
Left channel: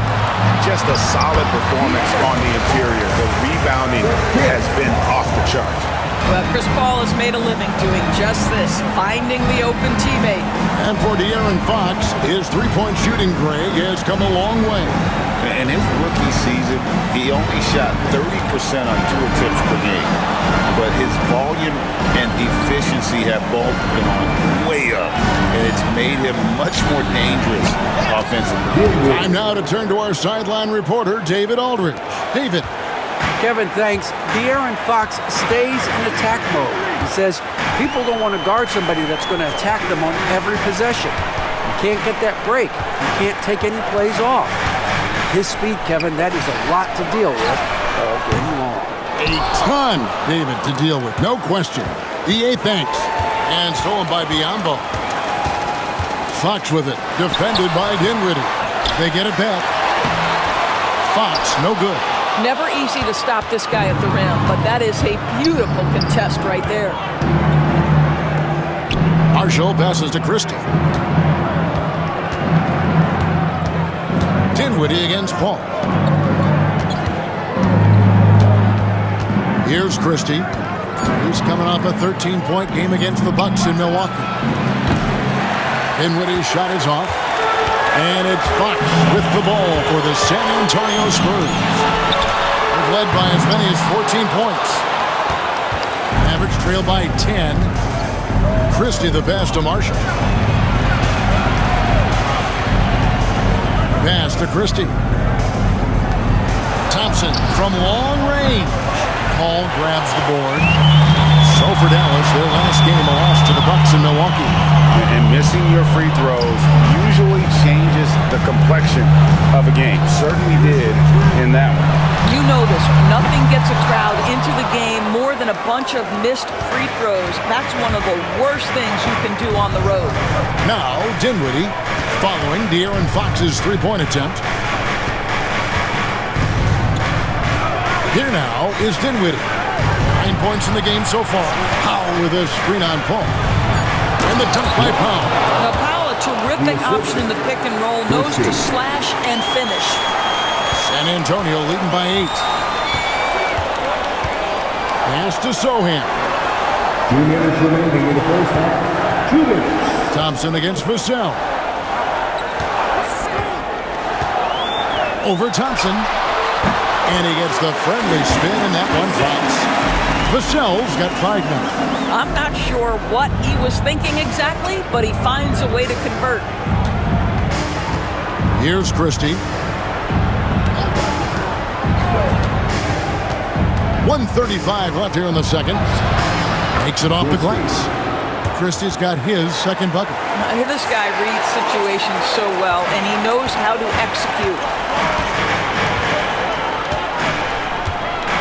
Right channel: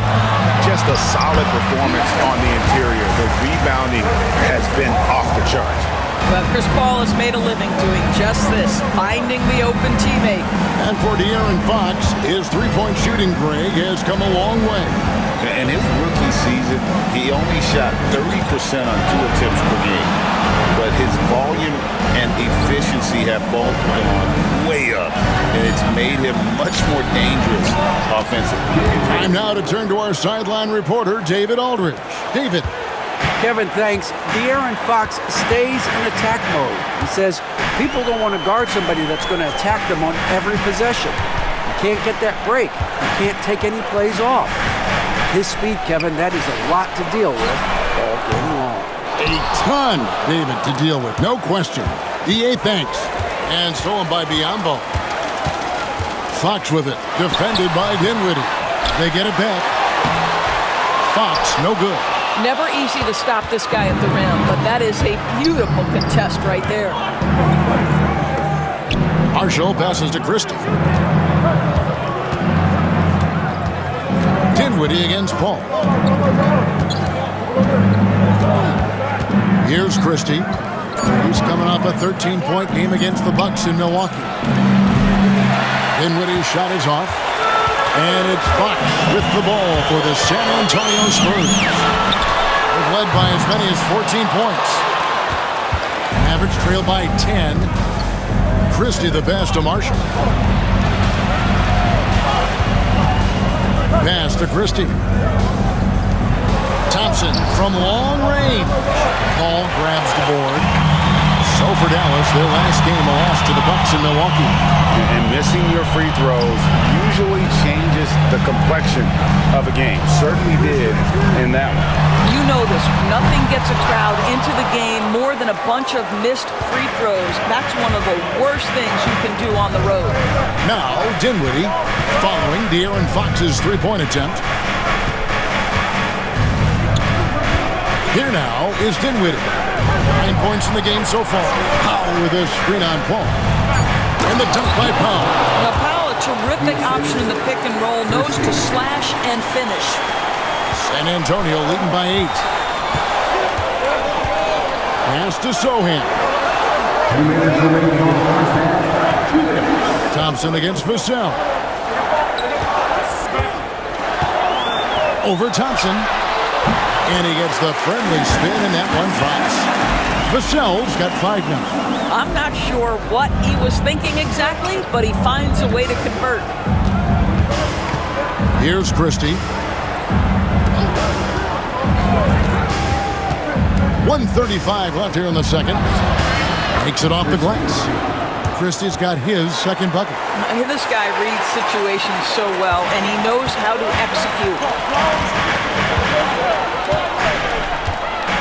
Just a solid performance on the interior. The rebounding has been off the charts. Well, Chris Paul has made a living doing just this, finding the open teammate. And for De'Aaron Fox, his three-point shooting, Greg, has come a long way. In his rookie season, he only shot 30% on 2 attempts per game. But his volume and efficiency have both gone way up, and it's made him much more dangerous offensively. Time now to turn to our sideline reporter, David Aldridge. David. Kevin, thanks. De'Aaron Fox stays in attack mode. He says people don't want to guard somebody that's going to attack them on every possession. You can't get that break. You can't take any plays off. His speed, Kevin, that is a lot to deal with all game long. A ton, David, to deal with, no question. EA thanks. And stolen by Biyombo. Fox with it, defended by Dinwiddie. They get it back. Fox, no good. Never easy to stop this guy at the rim, but that is a beautiful contest right there. Marshall passes to Christie. Dinwiddie against Paul. Here's Christie. He's coming off a 13-point game against the Bucks in Milwaukee. Dinwiddie's shot is off. And it's Fox with the ball for the San Antonio Spurs. They've led by as many as 14 points. Mavericks trail by 10. Christie the pass to Marshall. Pass to Christie. Thompson from long range. Paul grabs the board. So for Dallas, their last game a loss to the Bucks in Milwaukee. And missing your free throws usually changes the complexion of a game. Certainly did in that one. You know this. Nothing gets a crowd into the game more than a bunch of missed free throws. That's one of the worst things you can do on the road. Now, Dinwiddie following De'Aaron Fox's three-point attempt. Here now is Dinwiddie. 9 points in the game so far. Powell with a screen on Paul. And the dunk by Powell. Now, Powell, a terrific option in the pick and roll, knows to slash and finish. San Antonio leading by 8. Pass to Sohan. 2 minutes remaining in the first half. 2 minutes. Thompson against Vassell. Over Thompson. And he gets the friendly spin, and that one drops. Vassell's got 5 now. I'm not sure what he was thinking exactly, but he finds a way to convert. Here's Christie. 1:35 left here in the second. Takes it off the glass. Christie's got his second bucket. This guy reads situations so well, and he knows how to execute.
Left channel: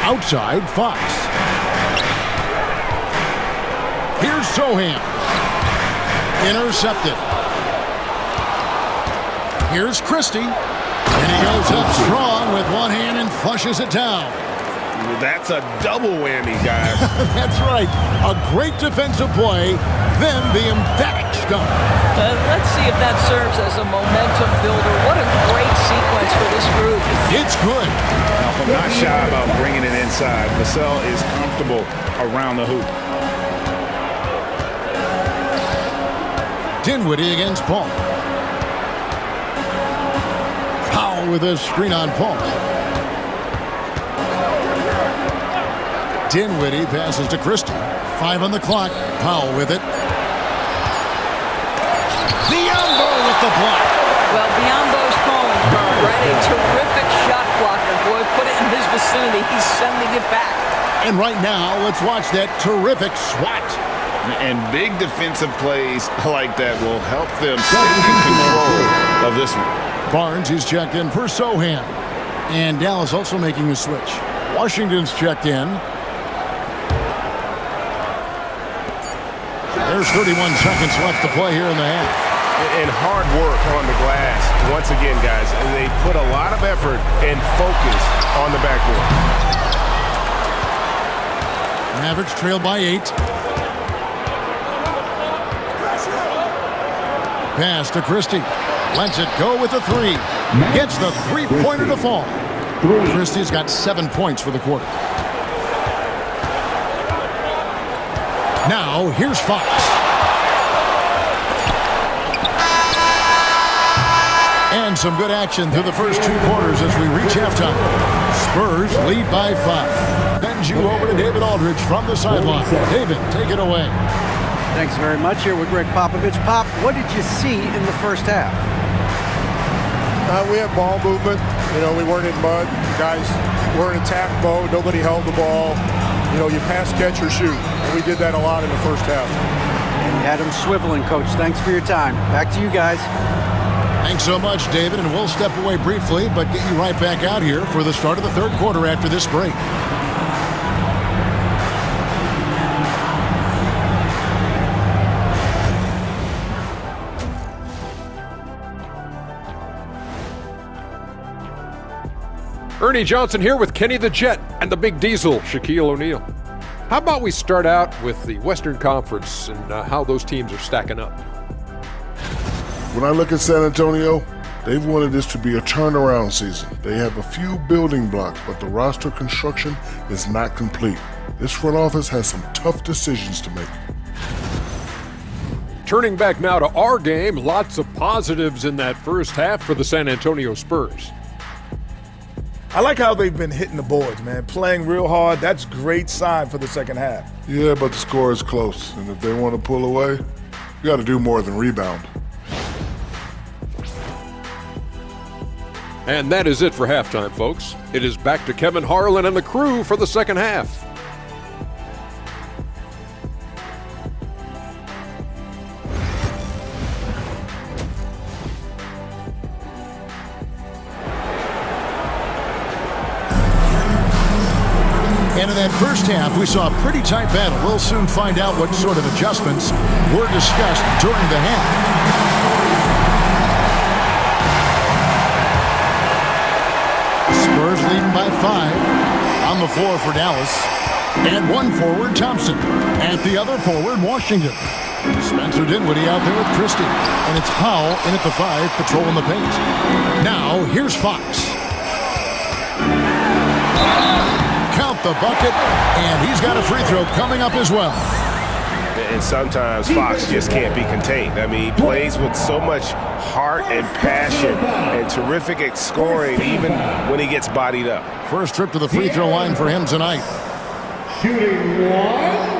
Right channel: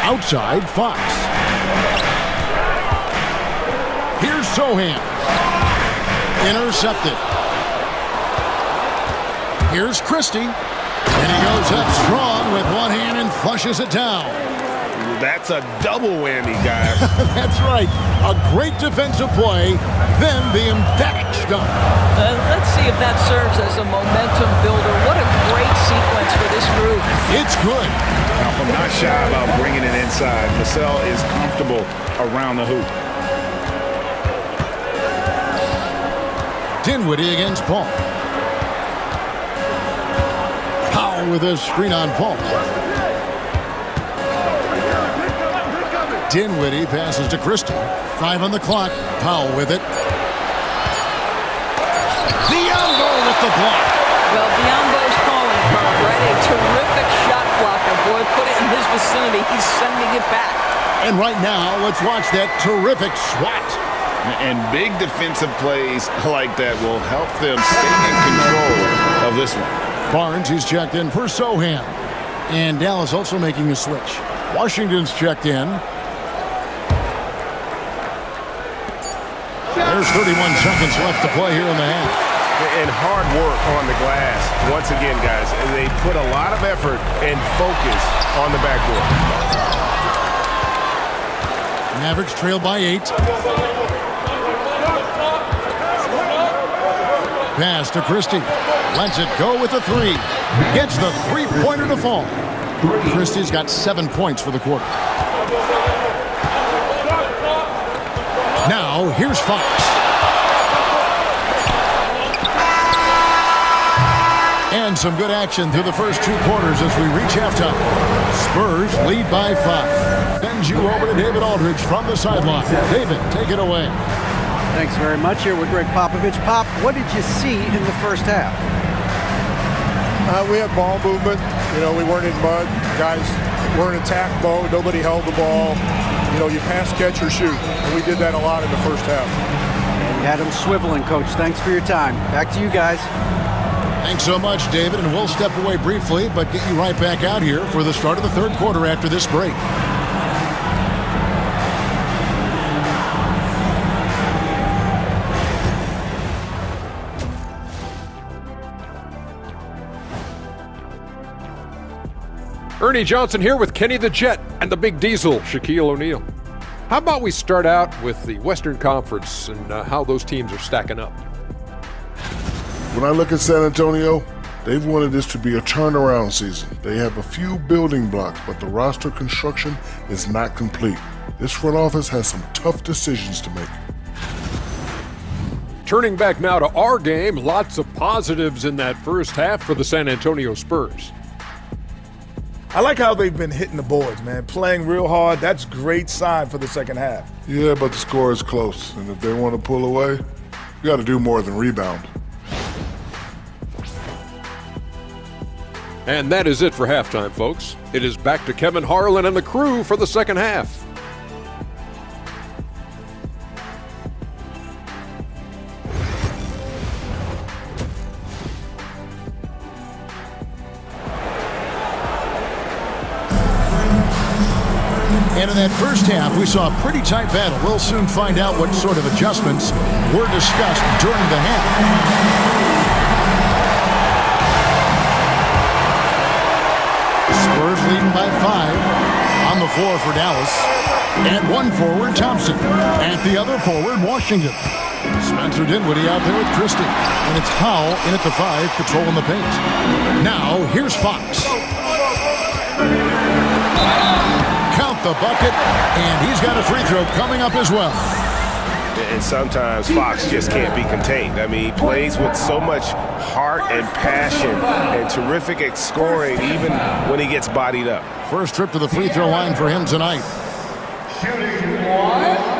Outside, Fox. Here's Sohan. Intercepted. Here's Christie. And he goes up strong with one hand and flushes it down. That's a double whammy, guys. That's right. A great defensive play, then the emphatic stuff. Let's see if that serves as a momentum builder. What a great sequence for this group. It's good. Now, I'm not shy about bringing it inside. Vassell is comfortable around the hoop. Dinwiddie against Paul. Powell with a screen on Paul. Dinwiddie passes to Christie. 5 on the clock. Powell with it. Biyombo with the block. Well, Biyombo's calling card, right? A terrific shot blocker. Boy, put it in his vicinity. He's sending it back. And right now, let's watch that terrific swat. And big defensive plays like that will help them stay in control of this one. Barnes, he's checked in for Sohan. And Dallas also making a switch. Washington's checked in. There's 31 seconds left to play here in the half. And hard work on the glass. Once again, guys, they put a lot of effort and focus on the backboard. Mavericks trail by 8. Pass to Christie. Lets it go with the 3. Gets the three-pointer to fall. Christie's got 7 points for the quarter. Now, here's Fox. And some good action through the first 2 quarters as we reach halftime. Spurs lead by 5. Sends you over to David Aldridge from the sideline. David, take it away. Thanks very much. Here with Greg Popovich. Pop, what did you see in the first half? We had ball movement. You know, we weren't in mud. Guys were in attack mode. Nobody held the ball. You know, you pass, catch, or shoot. And we did that a lot in the first half. And you had them swiveling, Coach. Thanks for your time. Back to you guys. Thanks so much, David, and we'll step away briefly, but get you right back out here for the start of the third quarter after this break. Ernie Johnson here with Kenny the Jet and the Big Diesel, Shaquille O'Neal. How about we start out with the Western Conference and how those teams are stacking up? When I look at San Antonio, they've wanted this to be a turnaround season. They have a few building blocks, but the roster construction is not complete. This front office has some tough decisions to make. Turning back now to our game, lots of positives in that first half for the San Antonio Spurs. I like how they've been hitting the boards, man. Playing real hard. That's a great sign for the second half. Yeah, but the score is close, and if they want to pull away, you got to do more than rebound. And that is it for halftime, folks. It is back to Kevin Harlan and the crew for the second half. And in that first half, we saw a pretty tight battle. We'll soon find out what sort of adjustments were discussed during the half. Spurs leading by 5 on the floor for Dallas. And one forward, Thompson. At the other forward, Washington. Spencer Dinwiddie out there with Christie. And it's Powell in at the 5, patrolling the paint. Now, here's Fox. Count the bucket, and he's got a free throw coming up as well. And sometimes Fox just can't be contained. I mean, he plays with so much heart and passion and terrific at scoring even when he gets bodied up. First trip to the free throw line for him tonight. Shooting 1.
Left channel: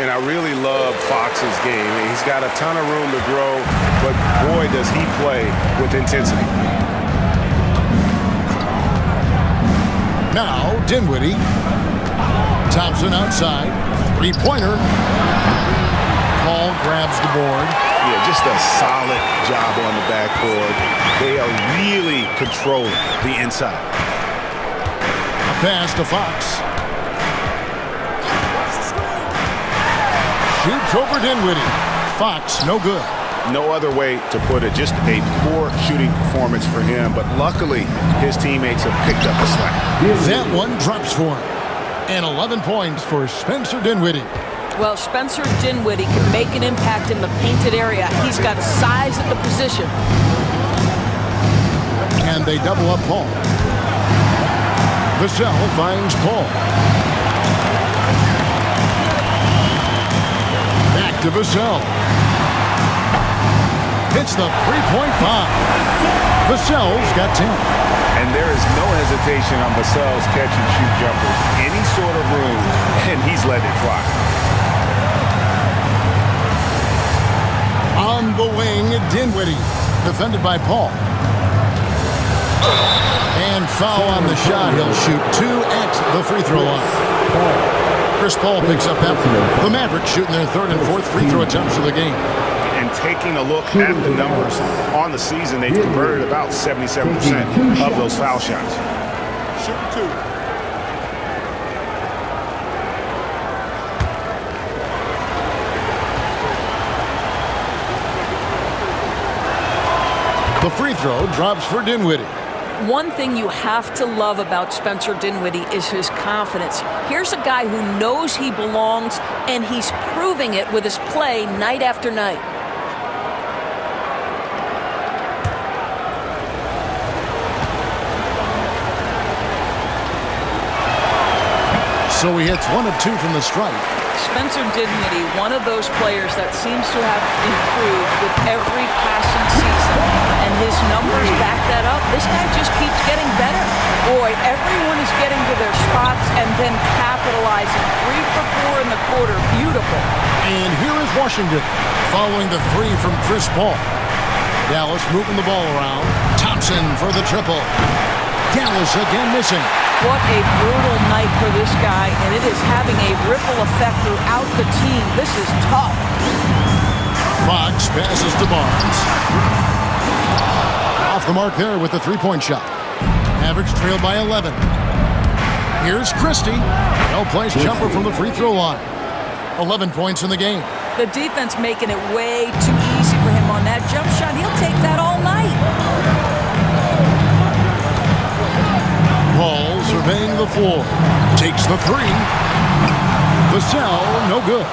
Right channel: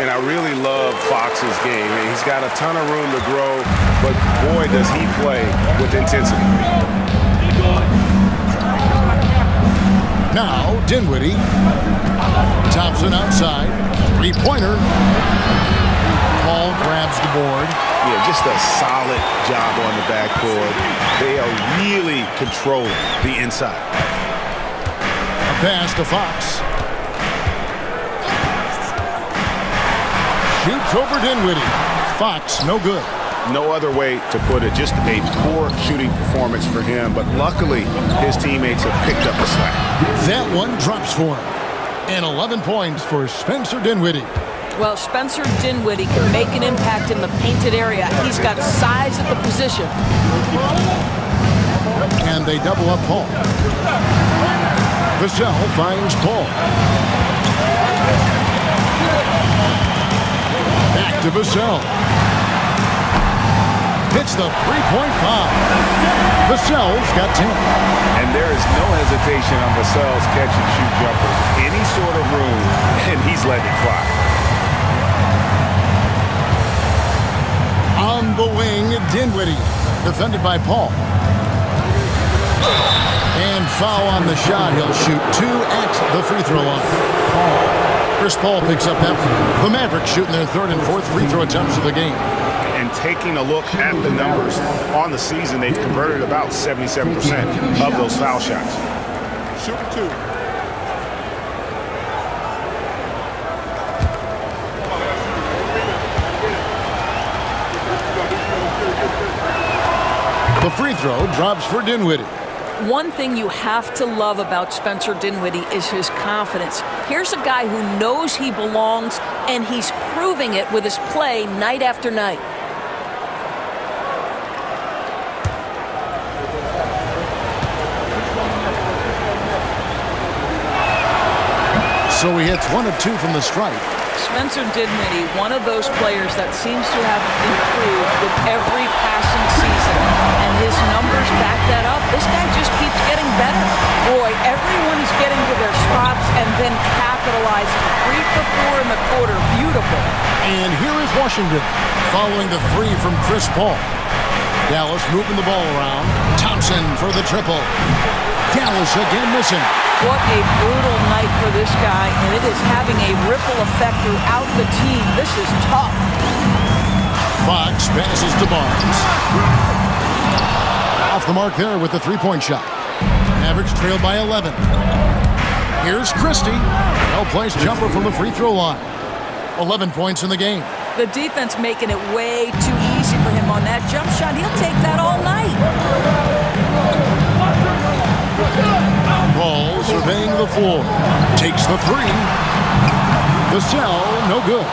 And I really love Fox's game. He's got a ton of room to grow, but boy, does he play with intensity. Now, Dinwiddie. Thompson outside. Three-pointer. Paul grabs the board. Yeah, just a solid job on the backboard. They are really controlling the inside. A pass to Fox. Shoots over Dinwiddie. Fox, no good. No other way to put it. Just a poor shooting performance for him, but luckily his teammates have picked up the slack. That one drops for him. And 11 points for Spencer Dinwiddie. Well, Spencer Dinwiddie can make an impact in the painted area. He's got size at the position. And they double up Paul. Vassell finds Paul. Back to Vassell. Hits the three-point bomb. Vassell's got 10. And there is no hesitation on Vassell's catch-and-shoot jumpers. Any sort of room, and he's letting it fly. On the wing, Dinwiddie. Defended by Paul. And foul on the shot. He'll shoot 2 at the free throw line. Chris Paul picks up that one. The Mavericks shooting their third and fourth free throw attempts of the game. And taking a look at the numbers on the season, they've converted about 77% of those foul shots. Shooting 2. The free throw drops for Dinwiddie. One thing you have to love about Spencer Dinwiddie is his confidence. Here's a guy who knows he belongs, and he's proving it with his play night after night. So he hits 1 of 2 from the stripe. Spencer Dinwiddie, one of those players that seems to have improved with every passing season, and his numbers back that up. This guy just keeps getting better. Boy, everyone is getting to their spots and then capitalizing. 3 for 4 in the quarter. Beautiful. And here is Washington following the 3 from Chris Paul. Dallas moving the ball around. Thompson for the triple. Dallas again missing. What a brutal night for this guy, and it is having a ripple effect throughout the team. This is tough. Fox passes to Barnes. Off the mark there with the three-point shot. Mavericks trailed by 11. Here's Christie. Well-placed jumper from the free throw line. 11 points in the game. The defense making it way too easy for him on that jump shot. He'll take that all night. Paul surveying the floor. Takes the 3. The cell, no good.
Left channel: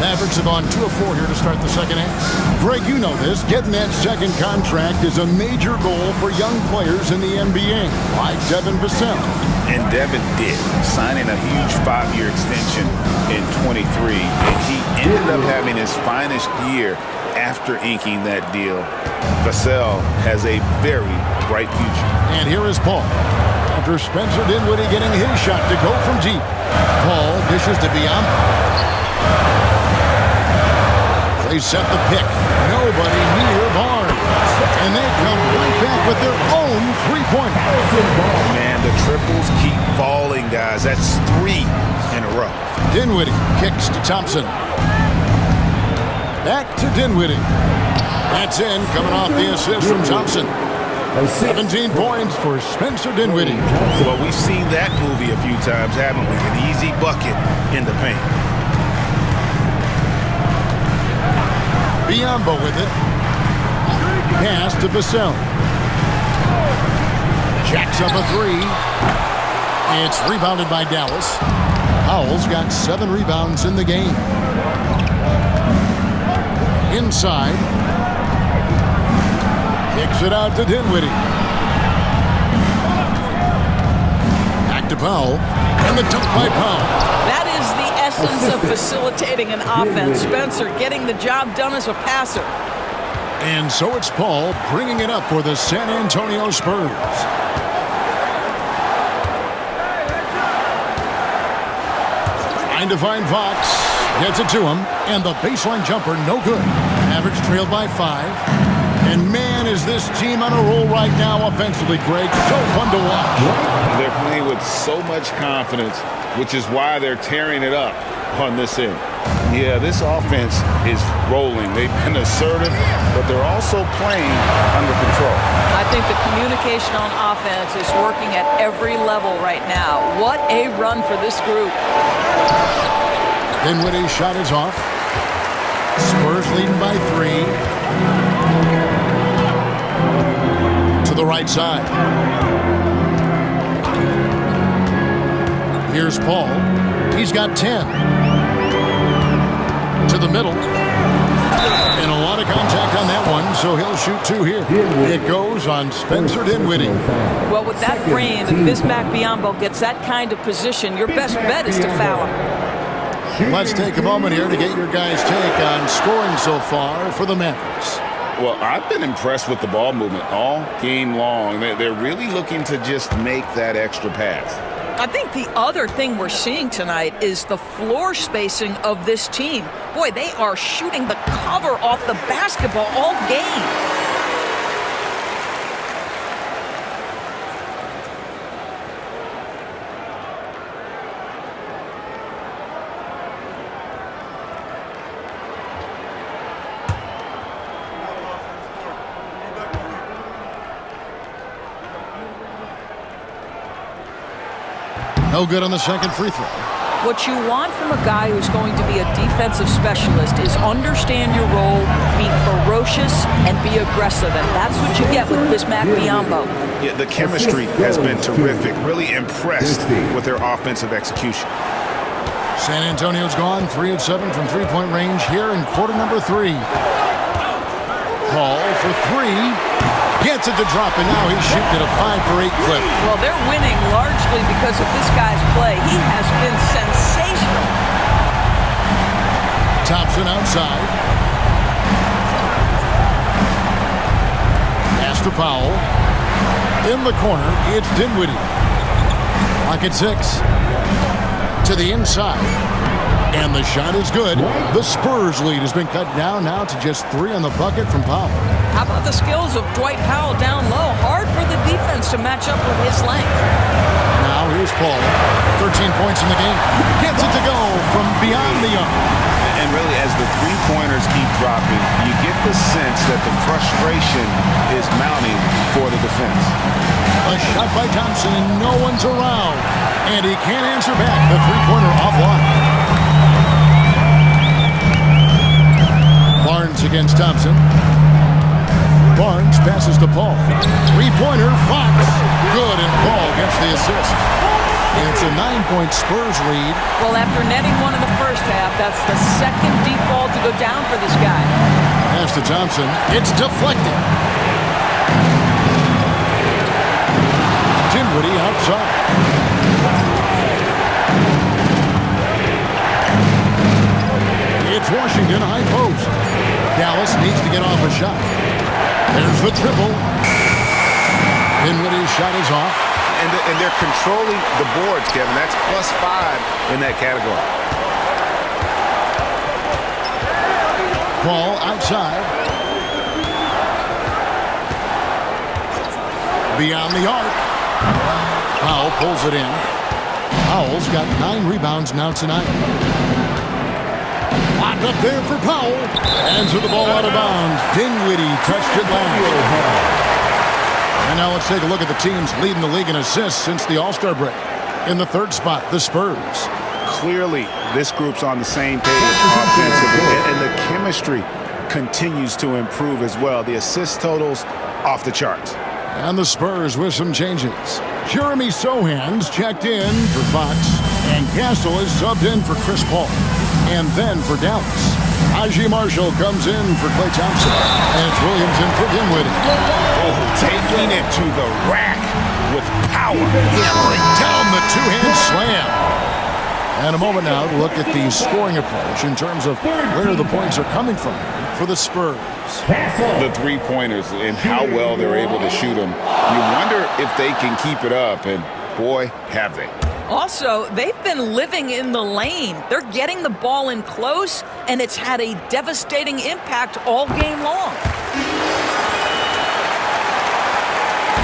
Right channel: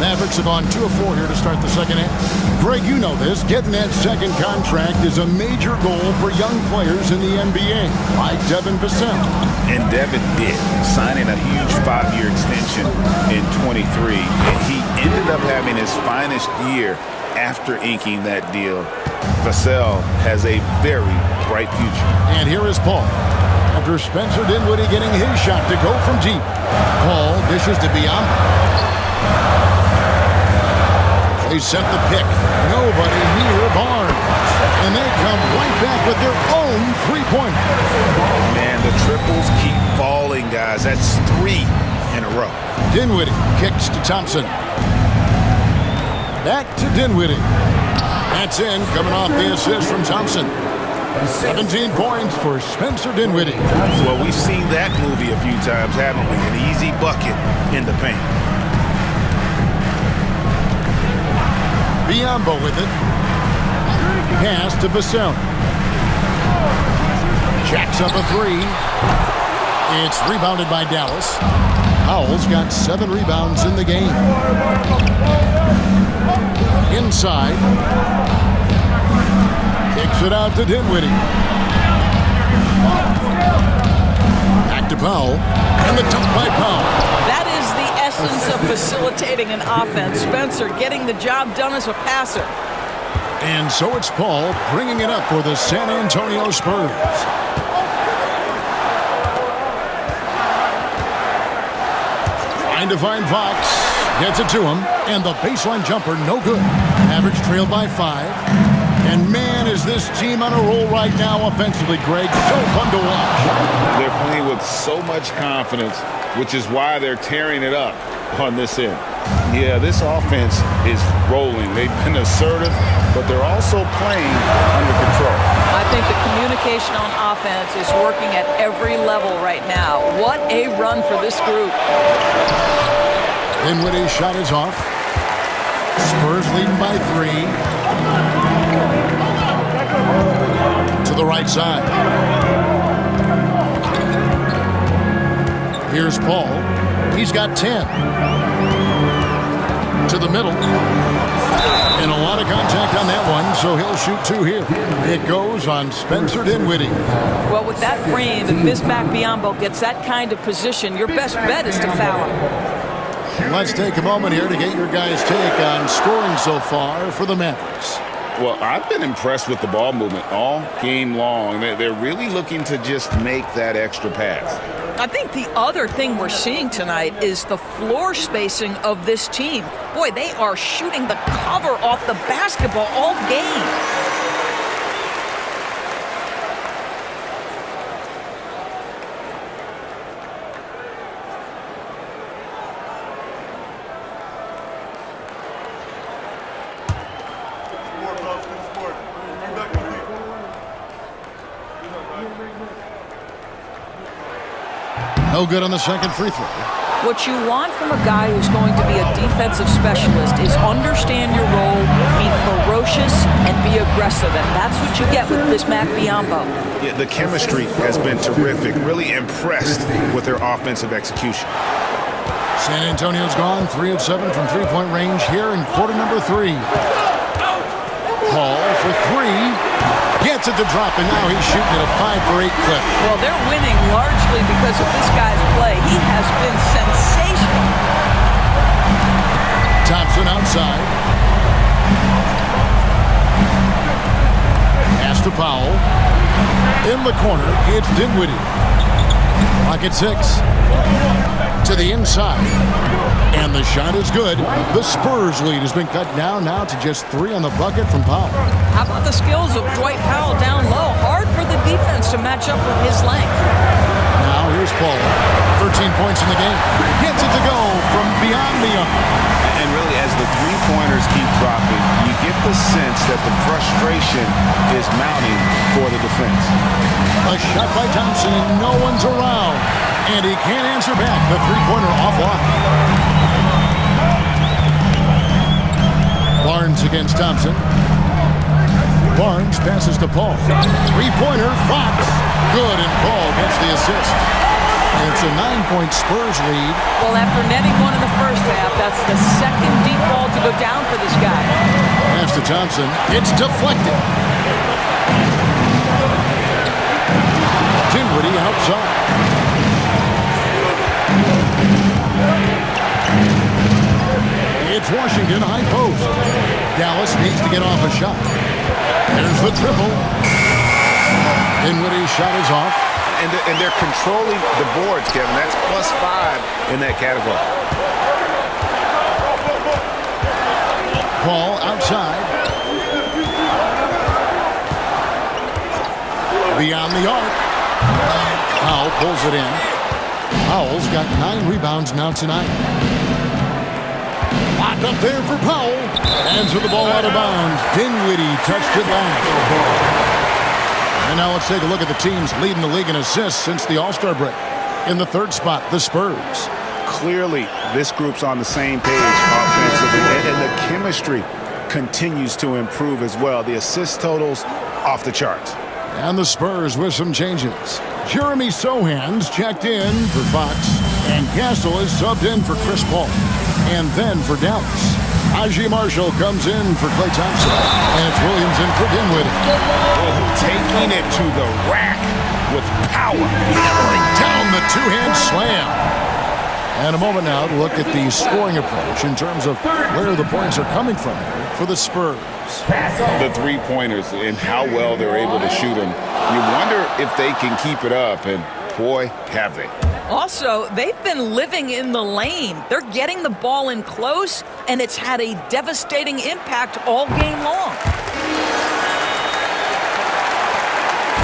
Mavericks have gone 2 of 4 here to start the second half. Greg, you know this. Getting that second contract is a major goal for young players in the NBA, like Devin Vassell. And Devin did, signing a huge 5-year extension in 23. And he ended up having his finest year after inking that deal. Vassell has a very bright future. And here is Paul. After Spencer Dinwiddie getting his shot to go from deep. Paul dishes to Biombo. They set the pick. Nobody near Barnes. And they come right back with their own three-pointer. Man, the triples keep falling, guys. That's 3 in a row. Dinwiddie kicks to Thompson. Back to Dinwiddie. That's in, coming off the assist from Thompson. 17 points for Spencer Dinwiddie. Well, we've seen that movie a few times, haven't we? An easy bucket in the paint. Biombo with it. Pass to Vassell. Jacks up a 3. It's rebounded by Dallas. Howell's got 7 rebounds in the game. Inside. Kicks it out to Dinwiddie. Back to Powell. And the dunk by Powell. That is the essence of facilitating an offense. Spencer getting the job done as a passer. And so it's Paul bringing it up for the San Antonio Spurs. Trying to find Fox. Gets it to him. And the baseline jumper, no good. Mavericks trailed by 5. And man, is this team on a roll right now offensively, Greg. So fun to watch. They're playing with so much confidence, which is why they're tearing it up on this end. Yeah, this offense is rolling. They've been assertive, but they're also playing under control. I think the communication on offense is working at every level right now. What a run for this group. Dinwiddie's shot is off. Spurs leading by 3. To the right side. Here's Paul. He's got 10. To the middle. And a lot of contact on that one, so he'll shoot 2 here. It goes on Spencer Dinwiddie. Well, with that frame, if Bismack Biyombo gets that kind of position, your best bet is to foul him. Let's take a moment here to get your guys' take on scoring so far for the Mavericks. Well, I've been impressed with the ball movement all game long. They're really looking to just make that extra pass. I think the other thing we're seeing tonight is the floor spacing of this team. Boy, they are shooting the cover off the basketball all game. No good on the second free throw. What you want from a guy who's going to be a defensive specialist is understand your role, be ferocious, and be aggressive. And that's what you get with Bismack Biyombo. Yeah, the chemistry has been terrific. Really impressed with their offensive execution. San Antonio's gone 3 of 7 from three-point range here in quarter number 3. Paul for 3. Gets it to drop, and now he's shooting at a 5 for 8 clip. Well, they're winning largely because of this guy's play. He has been sensational. Thompson outside. Pass to Powell. In the corner, it's Dinwiddie. Clock at 6. To the inside. And the shot is good. The Spurs lead has been cut down now to just 3 on the bucket from Powell. How about the skills of Dwight Powell down low? Hard for the defense to match up with his length. Now here's Paul. 13 points in the game. Gets it to go from beyond the arc. And really, as the three-pointers keep dropping, you get the sense that the frustration is mounting for the defense. A shot by Thompson, and no one's around. And he can't answer back. The three-pointer offline. Barnes against Thompson. Barnes passes to Paul. Three-pointer, Fox. Good, and Paul gets the assist. And it's a 9-point Spurs lead. Well, after netting one in the first half, that's the second deep ball to go down for this guy. Pass to Thompson. It's deflected. Dinwiddie outside. It's Washington high post. Dallas needs to get off a shot. There's the triple. Dinwiddie's shot is off. And they're controlling the boards, Kevin. That's +5 in that category. Paul outside. Beyond the arc. Powell pulls it in. Powell's got 9 rebounds now tonight. Locked up there for Powell. Hands with the ball out of bounds. Dinwiddie touched it last. And now let's take a look at the teams leading the league in assists since the All-Star break. In the 3rd spot, the Spurs. Clearly, this group's on the same page offensively, and the chemistry continues to improve as well. The assist totals off the charts. And the Spurs with some changes. Jeremy Sohan's checked in for Fox, and Castle is subbed in for Chris Paul. And then for Dallas, Najee Marshall comes in for Klay Thompson, and it's Williams in for Dinwiddie. Oh, taking it to the rack with power. Hammering down the two-hand slam. And a moment now to look at the scoring approach in terms of where the points are coming from here for the Spurs. The three-pointers and how well they're able to shoot them. You wonder if they can keep it up, and boy, have they. Also, they've been living in the lane. They're getting the ball in close, and it's had a devastating impact all game long.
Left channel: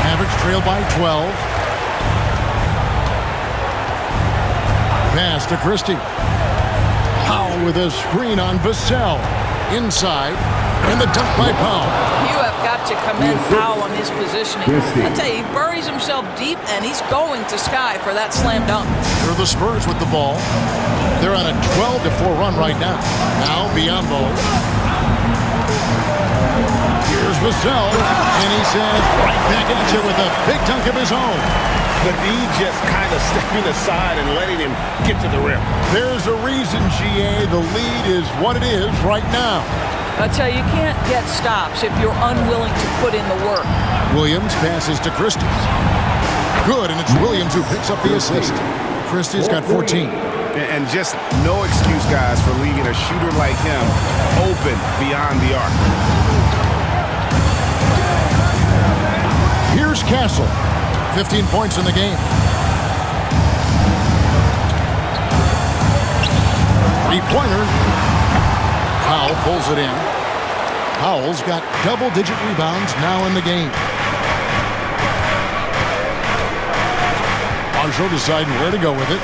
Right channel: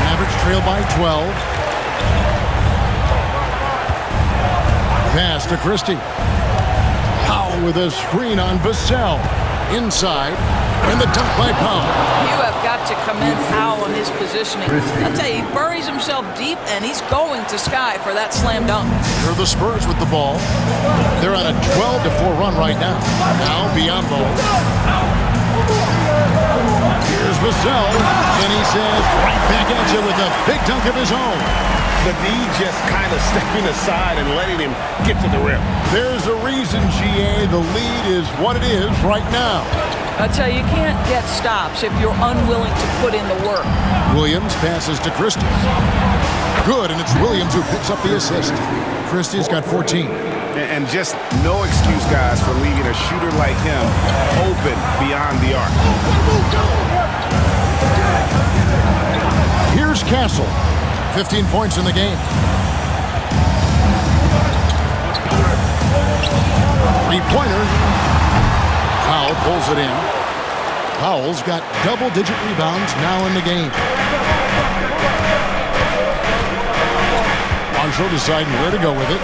Mavericks trail by 12. Pass to Christie. Powell with a screen on Vassell. Inside, and the dunk by Powell. You have got to commend Powell on his positioning. I'll tell you, he buries himself deep, and he's going to sky for that slam dunk. Here are the Spurs with the ball. They're on a 12-4 run right now. Now, Biyombo. Here's Vassell, and he says, right back at you with a big dunk of his own. The D just kind of stepping aside and letting him get to the rim. There's a reason, GA, the lead is what it is right now. I tell you, you can't get stops if you're unwilling to put in the work. Williams passes to Christie. Good, and it's Williams who picks up the assist. Christie's got 14. And just no excuse, guys, for leaving a shooter like him open beyond the arc. Here's Castle. 15 points in the game. Three-pointer. Powell pulls it in. Powell's got double-digit rebounds now in the game. Marshall deciding where to go with it.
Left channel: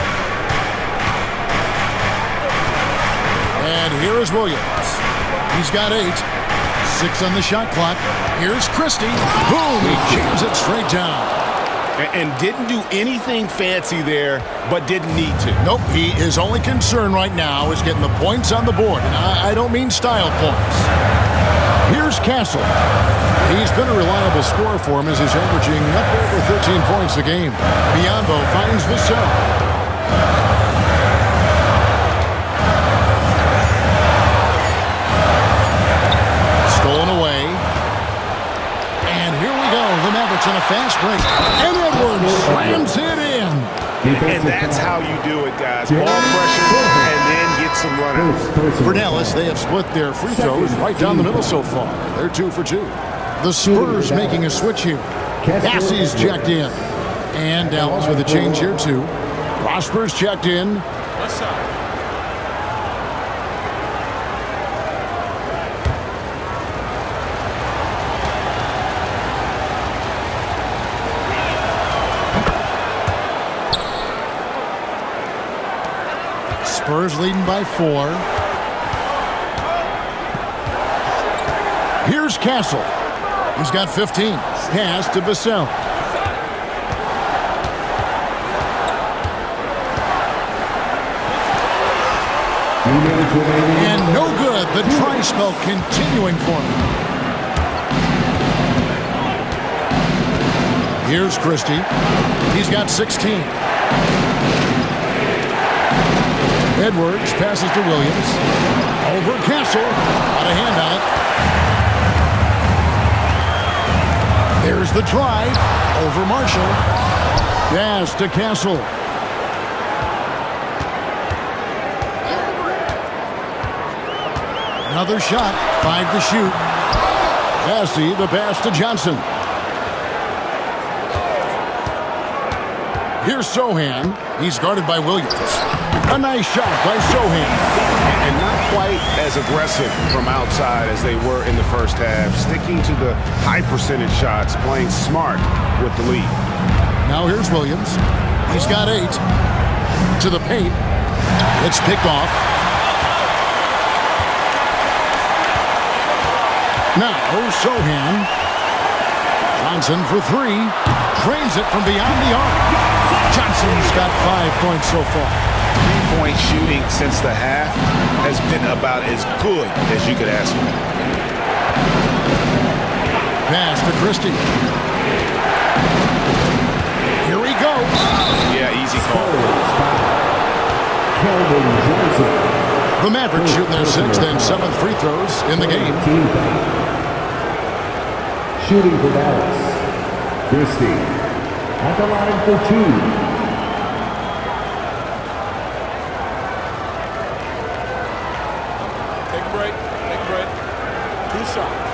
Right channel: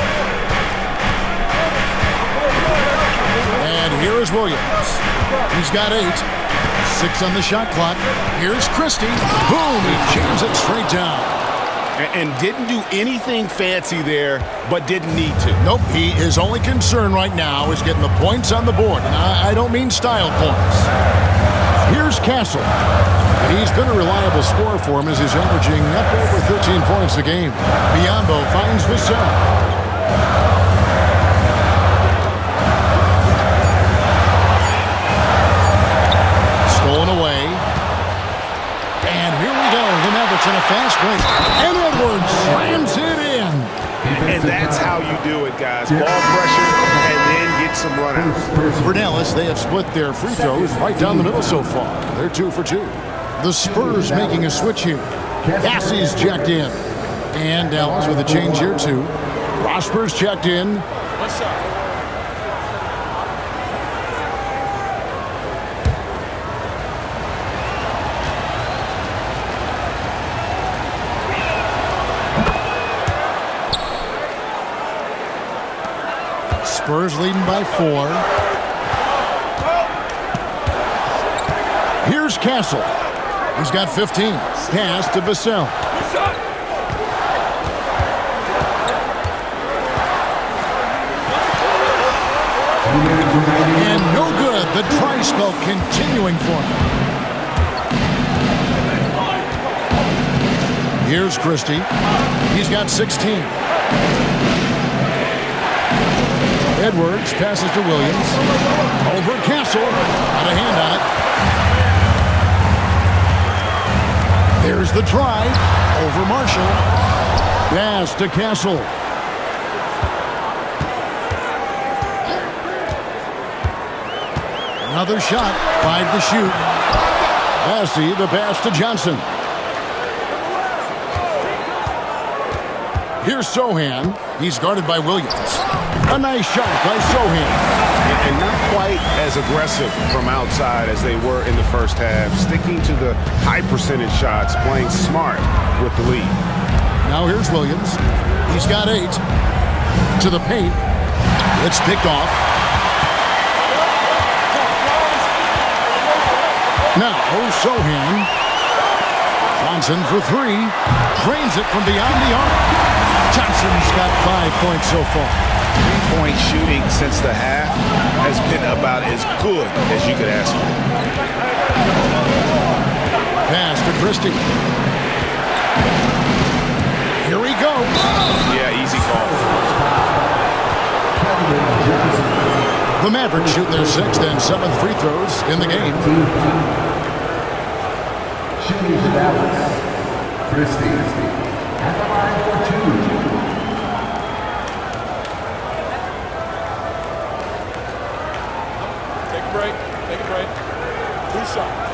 And here is Williams. He's got 8. 6 on the shot clock. Here's Christie. Boom! He jams it straight down. And didn't do anything fancy there, but didn't need to. Nope, his only concern right now is getting the points on the board. And I don't mean style points. Here's Castle. He's been a reliable scorer for him as he's averaging up over 13 points a game. Biombo finds Vassell. Stolen away. And here we go. The Mavericks in a fast break. And Edwards slams it in. And that's how you do it, guys. Ball pressure and then get some runouts. For Dallas, they have split their free throws right down the middle so far. They're 2 for 2. The Spurs making a switch here. Bassey's checked in. And Dallas with a change here, too. Prosper's checked in. One shot. Spurs leading by 4. Here's Castle. He's got 15. Pass to Vassell. And no good. The try spell continuing for him. Here's Christie. He's got 16. Edwards passes to Williams. Over Castle. Got a hand on it. There's the drive. Over Marshall. Pass to Castle. Another shot. 5 to shoot. Bassey, the pass to Johnson. Here's Sohan. He's guarded by Williams. A nice shot by Sohan. And not quite as aggressive from outside as they were in the first half. Sticking to the high percentage shots, playing smart with the lead. Now here's Williams. He's got 8. To the paint. It's picked off. Now Sohan. Johnson for 3. Drains it from beyond the arc. Johnson's got 5 points so far. 3-point shooting since the half has been about as good as you could ask for. Pass to Christie. Here he goes. Yeah, easy call. The Mavericks shooting their 6th and 7th free throws in the game. Shooting for Dallas. Christie at the line for 2. Take a break. Take a break. 2 shots.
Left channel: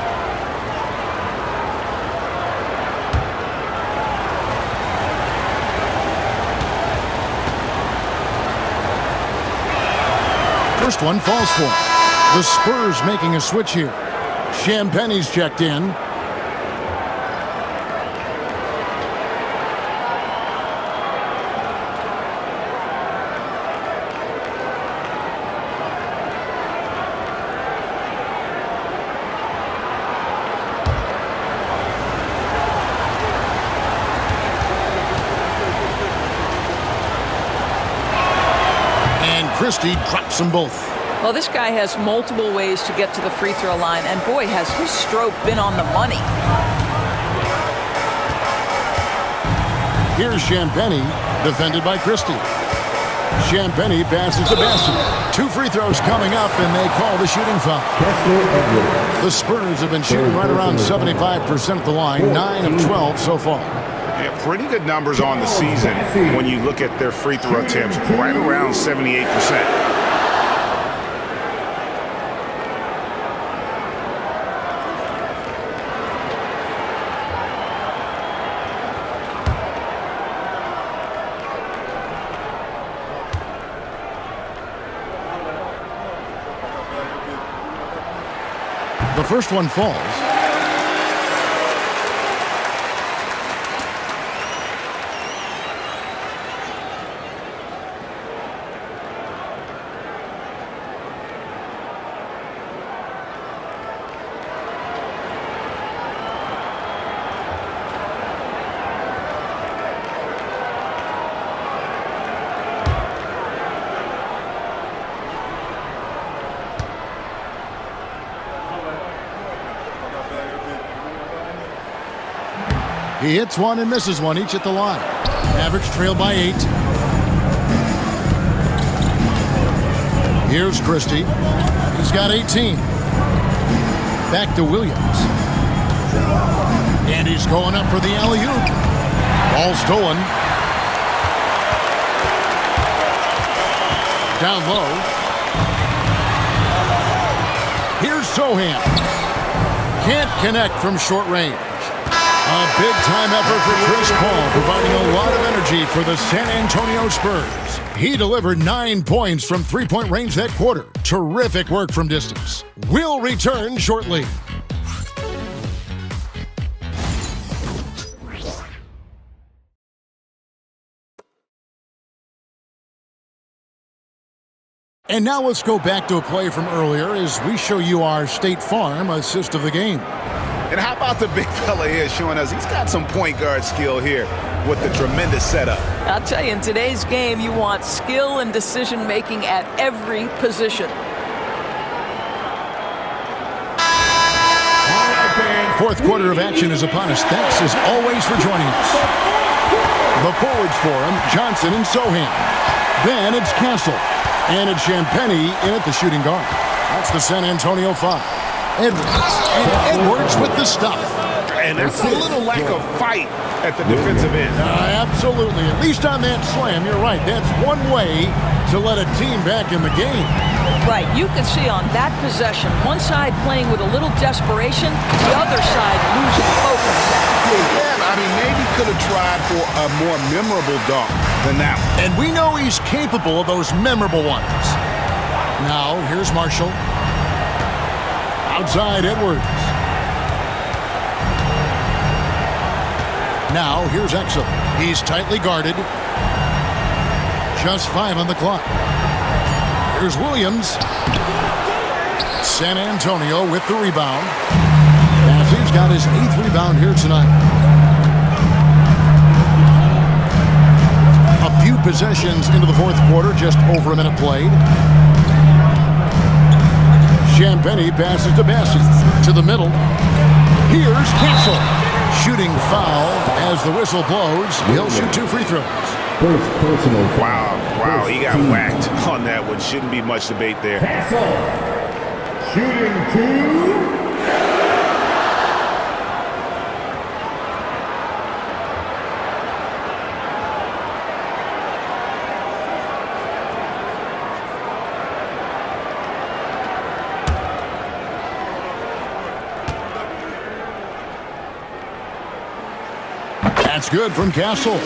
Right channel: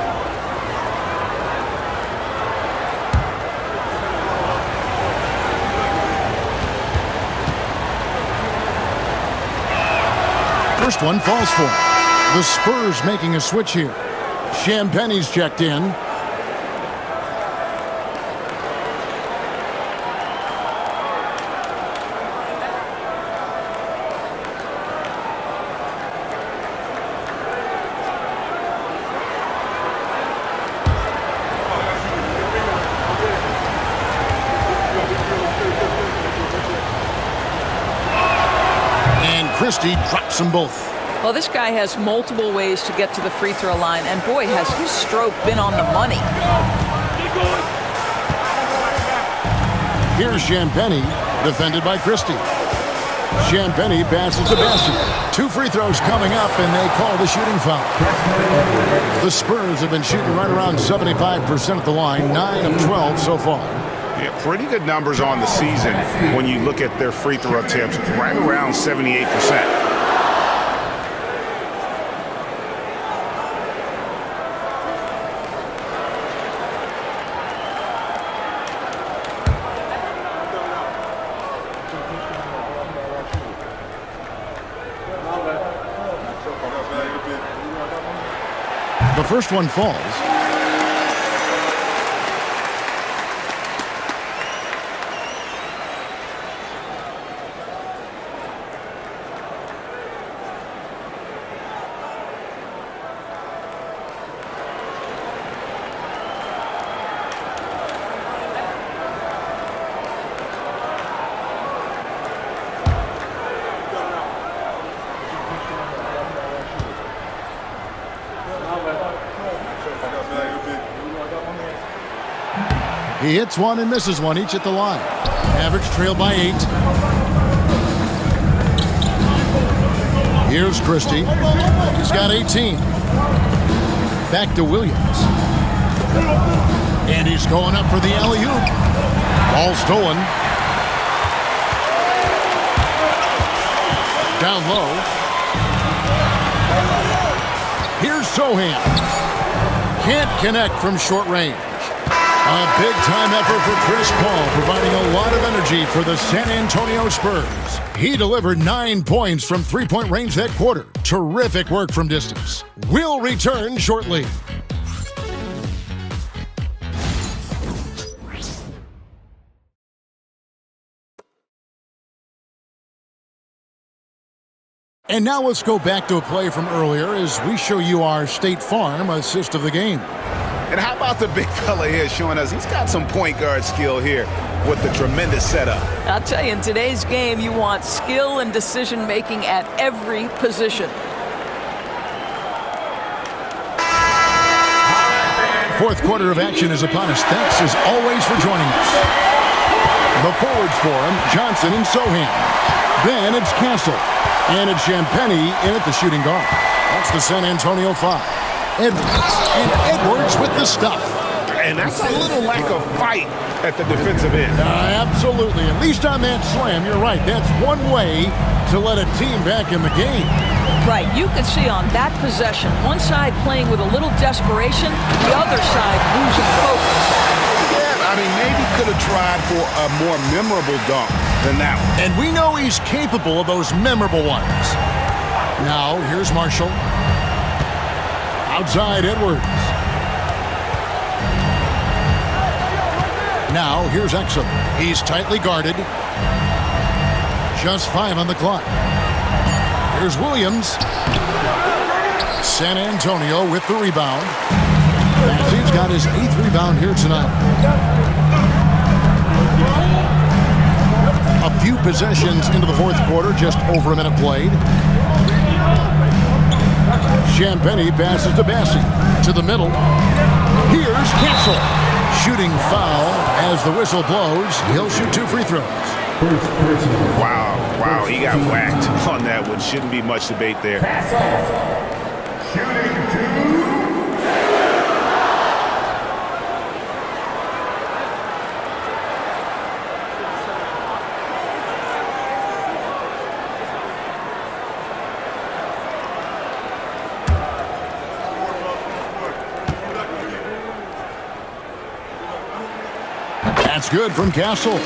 First one falls for him. The Spurs making a switch here. Champagne's checked in. Christie drops them both. Well, this guy has multiple ways to get to the free throw line, and boy, has his stroke been on the money. Here's Champagnie, defended by Christie. Champagnie passes to Bassey. 2 free throws coming up, and they call the shooting foul. The Spurs have been shooting right around 75% at the line, 9 of 12 so far. Yeah, pretty good numbers on the season when you look at their free throw attempts, right around 78%. The first one falls. He hits one and misses one, each at the line. Mavericks trail by 8. Here's Christie. He's got 18. Back to Williams. And he's going up for the alley-oop. Ball stolen. Down low. Here's Sohan. Can't connect from short range. A big-time effort for Chris Paul, providing a lot of energy for the San Antonio Spurs. He delivered 9 points from three-point range that quarter. Terrific work from distance. We'll return shortly. And now let's go back to a play from earlier as we show you our State Farm assist of the game. And how about the big fella here showing us he's got some point guard skill here with the tremendous setup. I'll tell you, in today's game, you want skill and decision-making at every position. Fourth quarter of action is upon us. Thanks, as always, for joining us. The forwards for him, Johnson and Sohan. Then it's Castle. And it's Champagnie in at the shooting guard. That's the San Antonio 5. Edwards with the stuff. And that's a little lack of fight at the defensive end. Absolutely. At least on that slam, you're right. That's one way to let a team back in the game. Right. You can see on that possession, one side playing with a little desperation, the other side losing focus. Yeah, I mean, maybe could have tried for a more memorable dunk than that one. And we know he's capable of those memorable ones. Now, here's Marshall. Outside Edwards. Now, here's Exum. He's tightly guarded. Just 5 on the clock. Here's Williams. San Antonio with the rebound. Matthews got his 8th rebound here tonight. A few possessions into the fourth quarter, just over a minute played. Champagnie passes to Bassi. To the middle. Here's Castle. Shooting foul as the whistle blows. He'll shoot 2 free throws. Wow, he got whacked on that one. Shouldn't be much debate there. Shooting 2. That's good from Castle.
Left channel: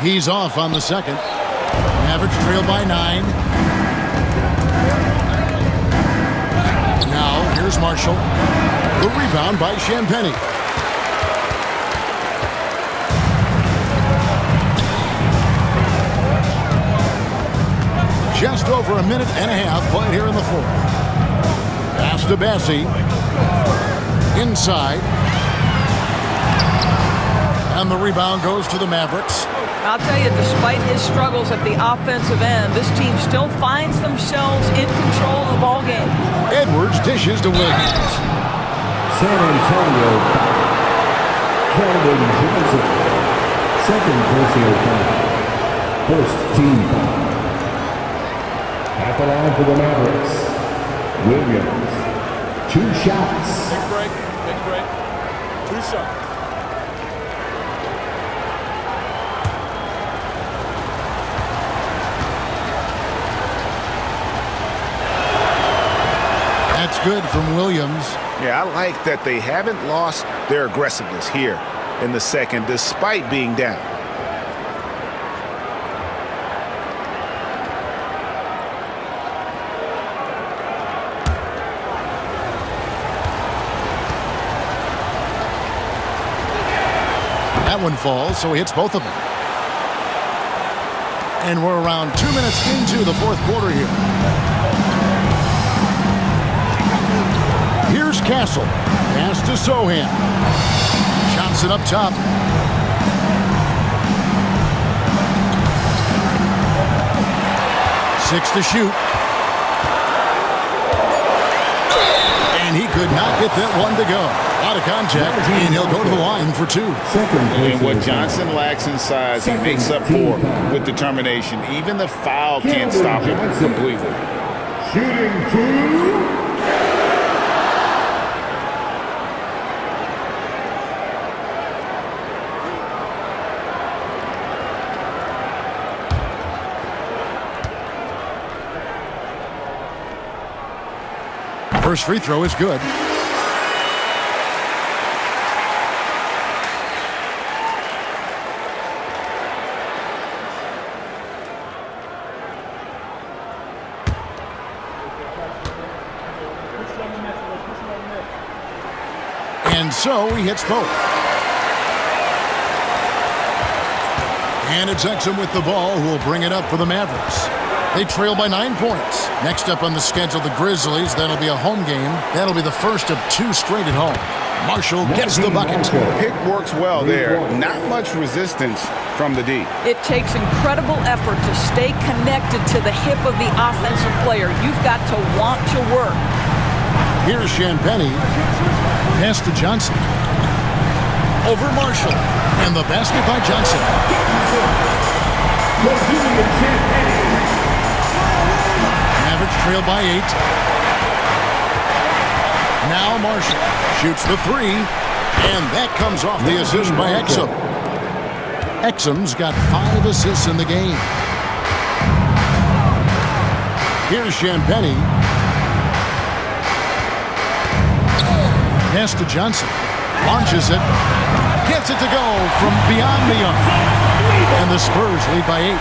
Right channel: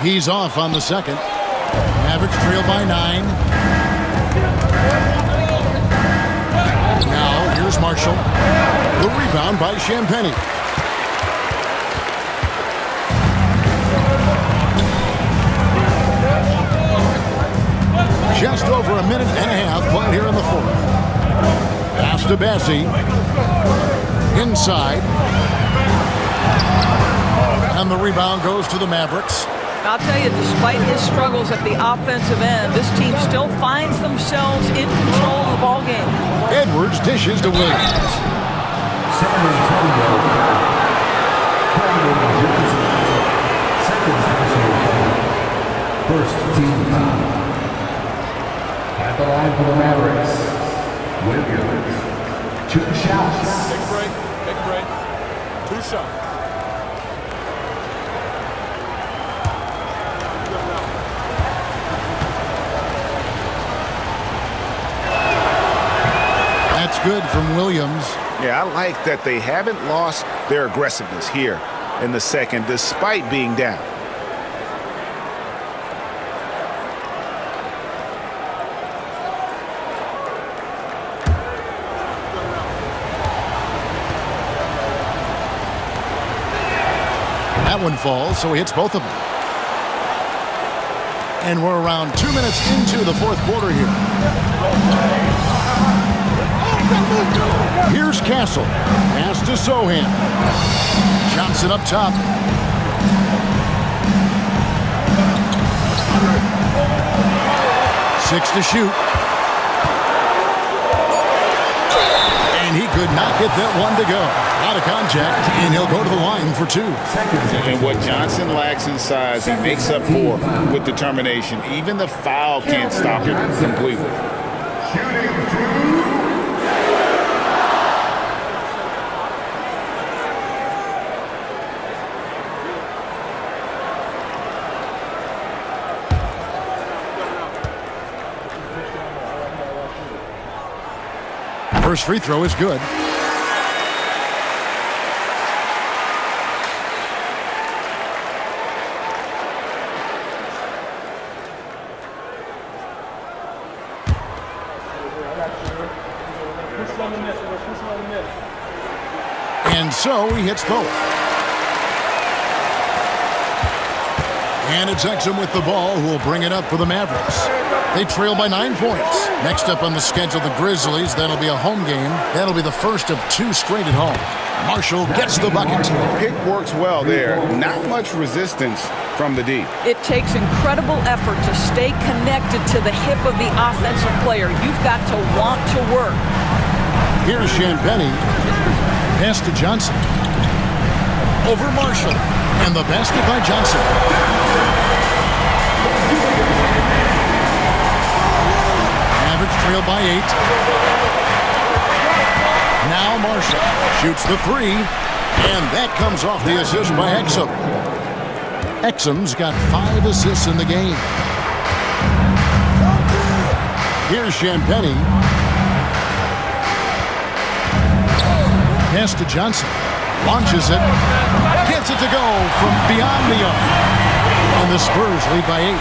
He's off on the second. Mavericks trail by 9. Now, here's Marshall. The rebound by Champagnie. Just over a minute and a half played here in the fourth. Pass to Bassi. Inside. And the rebound goes to the Mavericks. I'll tell you, despite his struggles at the offensive end, this team still finds themselves in control of the ball game. Edwards dishes to Williams. San Antonio foul. Keldon Johnson. Second personal foul. First team foul. At the line for the Mavericks, Williams. 2 shots. Take a break. Take a break. 2 shots. That's good from Williams. Yeah, I like that they haven't lost their aggressiveness here in the second, despite being down. That one falls, so he hits both of them. And we're around 2 minutes into the fourth quarter here. Here's Castle. Pass to Sohan. Johnson up top. Six to shoot. And he could not get that one to go. A lot of contact, and he'll go to the line for two. And what Johnson lacks in size, he makes up for with determination. Even the foul can't stop him completely. Shooting two. First free throw is good. And so he hits both. And it's Exum with the ball, who will bring it up for the Mavericks. They trail by 9 points. Next up on the schedule, the Grizzlies. That'll be a home game. That'll be the first of 2 straight at home. Marshall gets the bucket. Pick works well there. Not much resistance from the D. It takes incredible effort to stay connected to the hip of the offensive player. You've got to want to work. Here's Champagny. Pass to Johnson. Over Marshall. And the basket by Johnson. Mavericks trail by 8. Now Marshall shoots the 3. And that comes off the assist by Exum. Exum's got 5 assists in the game. Here's Champagny. Pass to Johnson. Launches it. Gets it to go from beyond the arc. And the Spurs lead by 8.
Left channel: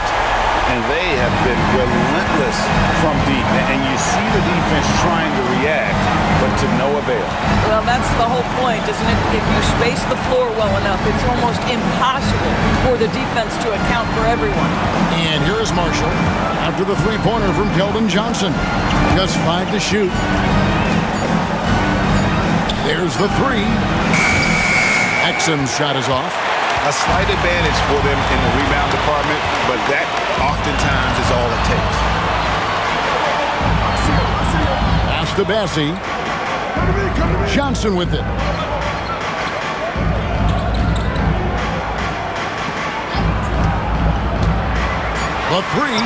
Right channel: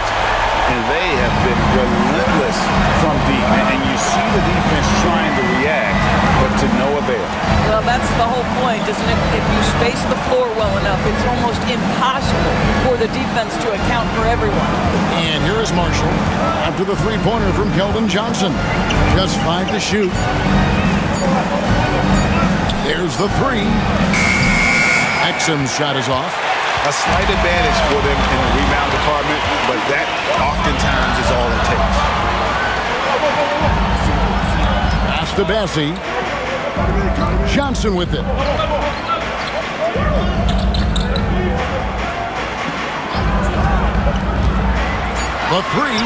And they have been relentless from deep. And you see the defense trying to react, but to no avail. Well, that's the whole point, isn't it? If you space the floor well enough, it's almost impossible for the defense to account for everyone. And here is Marshall after the three-pointer from Keldon Johnson. Just 5 to shoot. There's the 3. Exum's shot is off. A slight advantage for them in the rebound department, but that oftentimes is all it takes. Pass to Bassie. Johnson with it. The 3.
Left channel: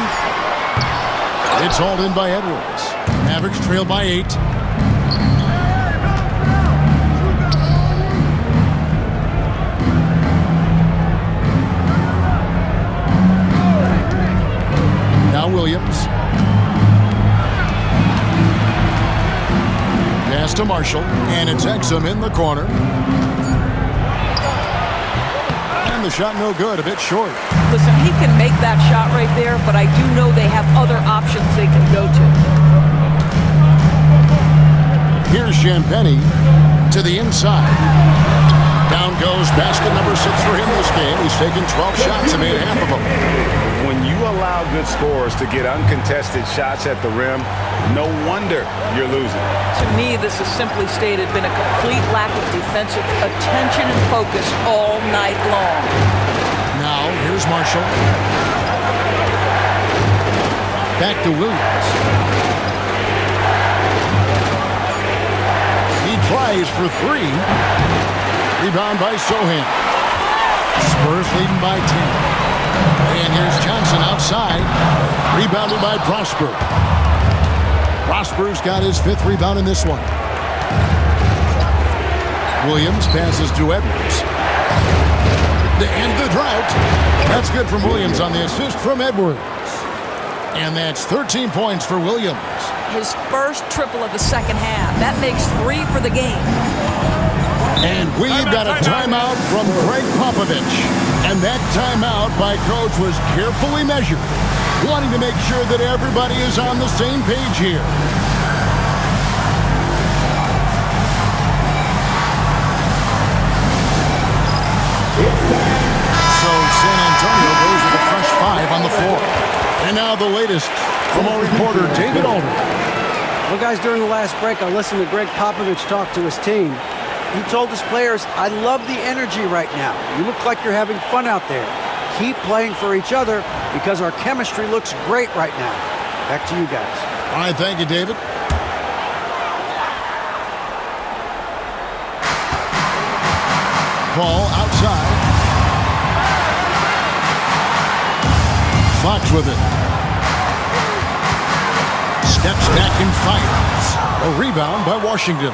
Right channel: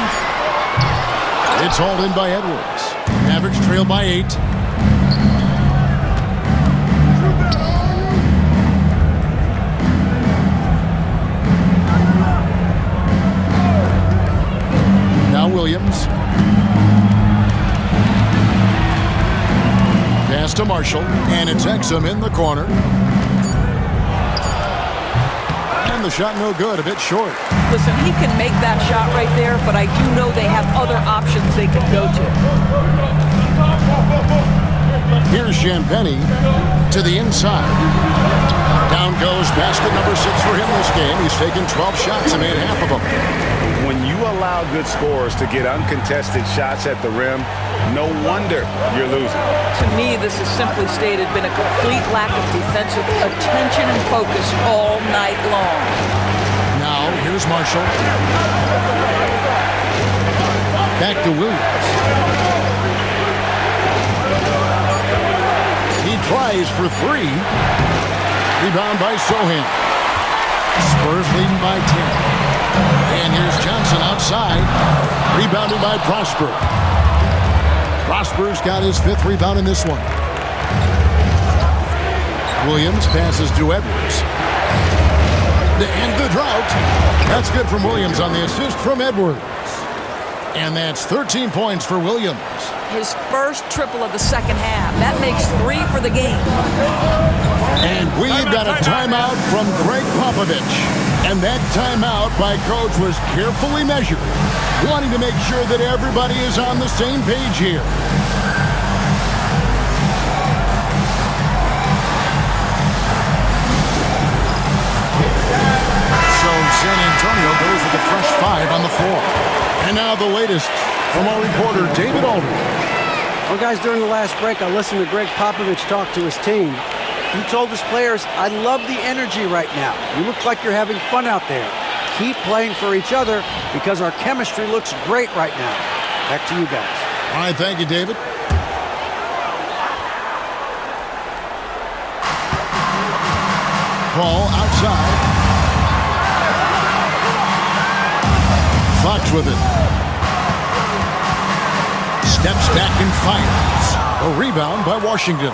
It's hauled in by Edwards. Mavericks trail by 8. Now Williams. Pass to Marshall, and it's Exum in the corner. And the shot no good, a bit short. Listen, he can make that shot right there, but I do know they have other options they can go to. Here's Champagny to the inside. Down goes basket number 6 for him this game. He's taken 12 shots and made half of them. When you allow good scorers to get uncontested shots at the rim, no wonder you're losing. To me, this has simply stated been a complete lack of defensive attention and focus all night long. Now, here's Marshall. Back to Williams. He tries for 3. Rebound by Sohan. Spurs leading by 10. And here's Johnson outside. Rebounded by Prosper. Prosper's got his 5th rebound in this one. Williams passes to Edwards. To end the drought. That's good from Williams on the assist from Edwards. And that's 13 points for Williams. His first triple of the second half. That makes 3 for the game. And we've got a timeout from Greg Popovich. And that timeout by Coach was carefully measured, wanting to make sure that everybody is on the same page here. So San Antonio goes with a fresh 5 on the floor. And now the latest from our reporter, David Aldridge. Well, guys, during the last break, I listened to Greg Popovich talk to his team. He told his players, I love the energy right now. You look like you're having fun out there. Keep playing for each other because our chemistry looks great right now. Back to you guys. All right, thank you, David. Ball outside. Fox with it. Steps back and fires. A rebound by Washington.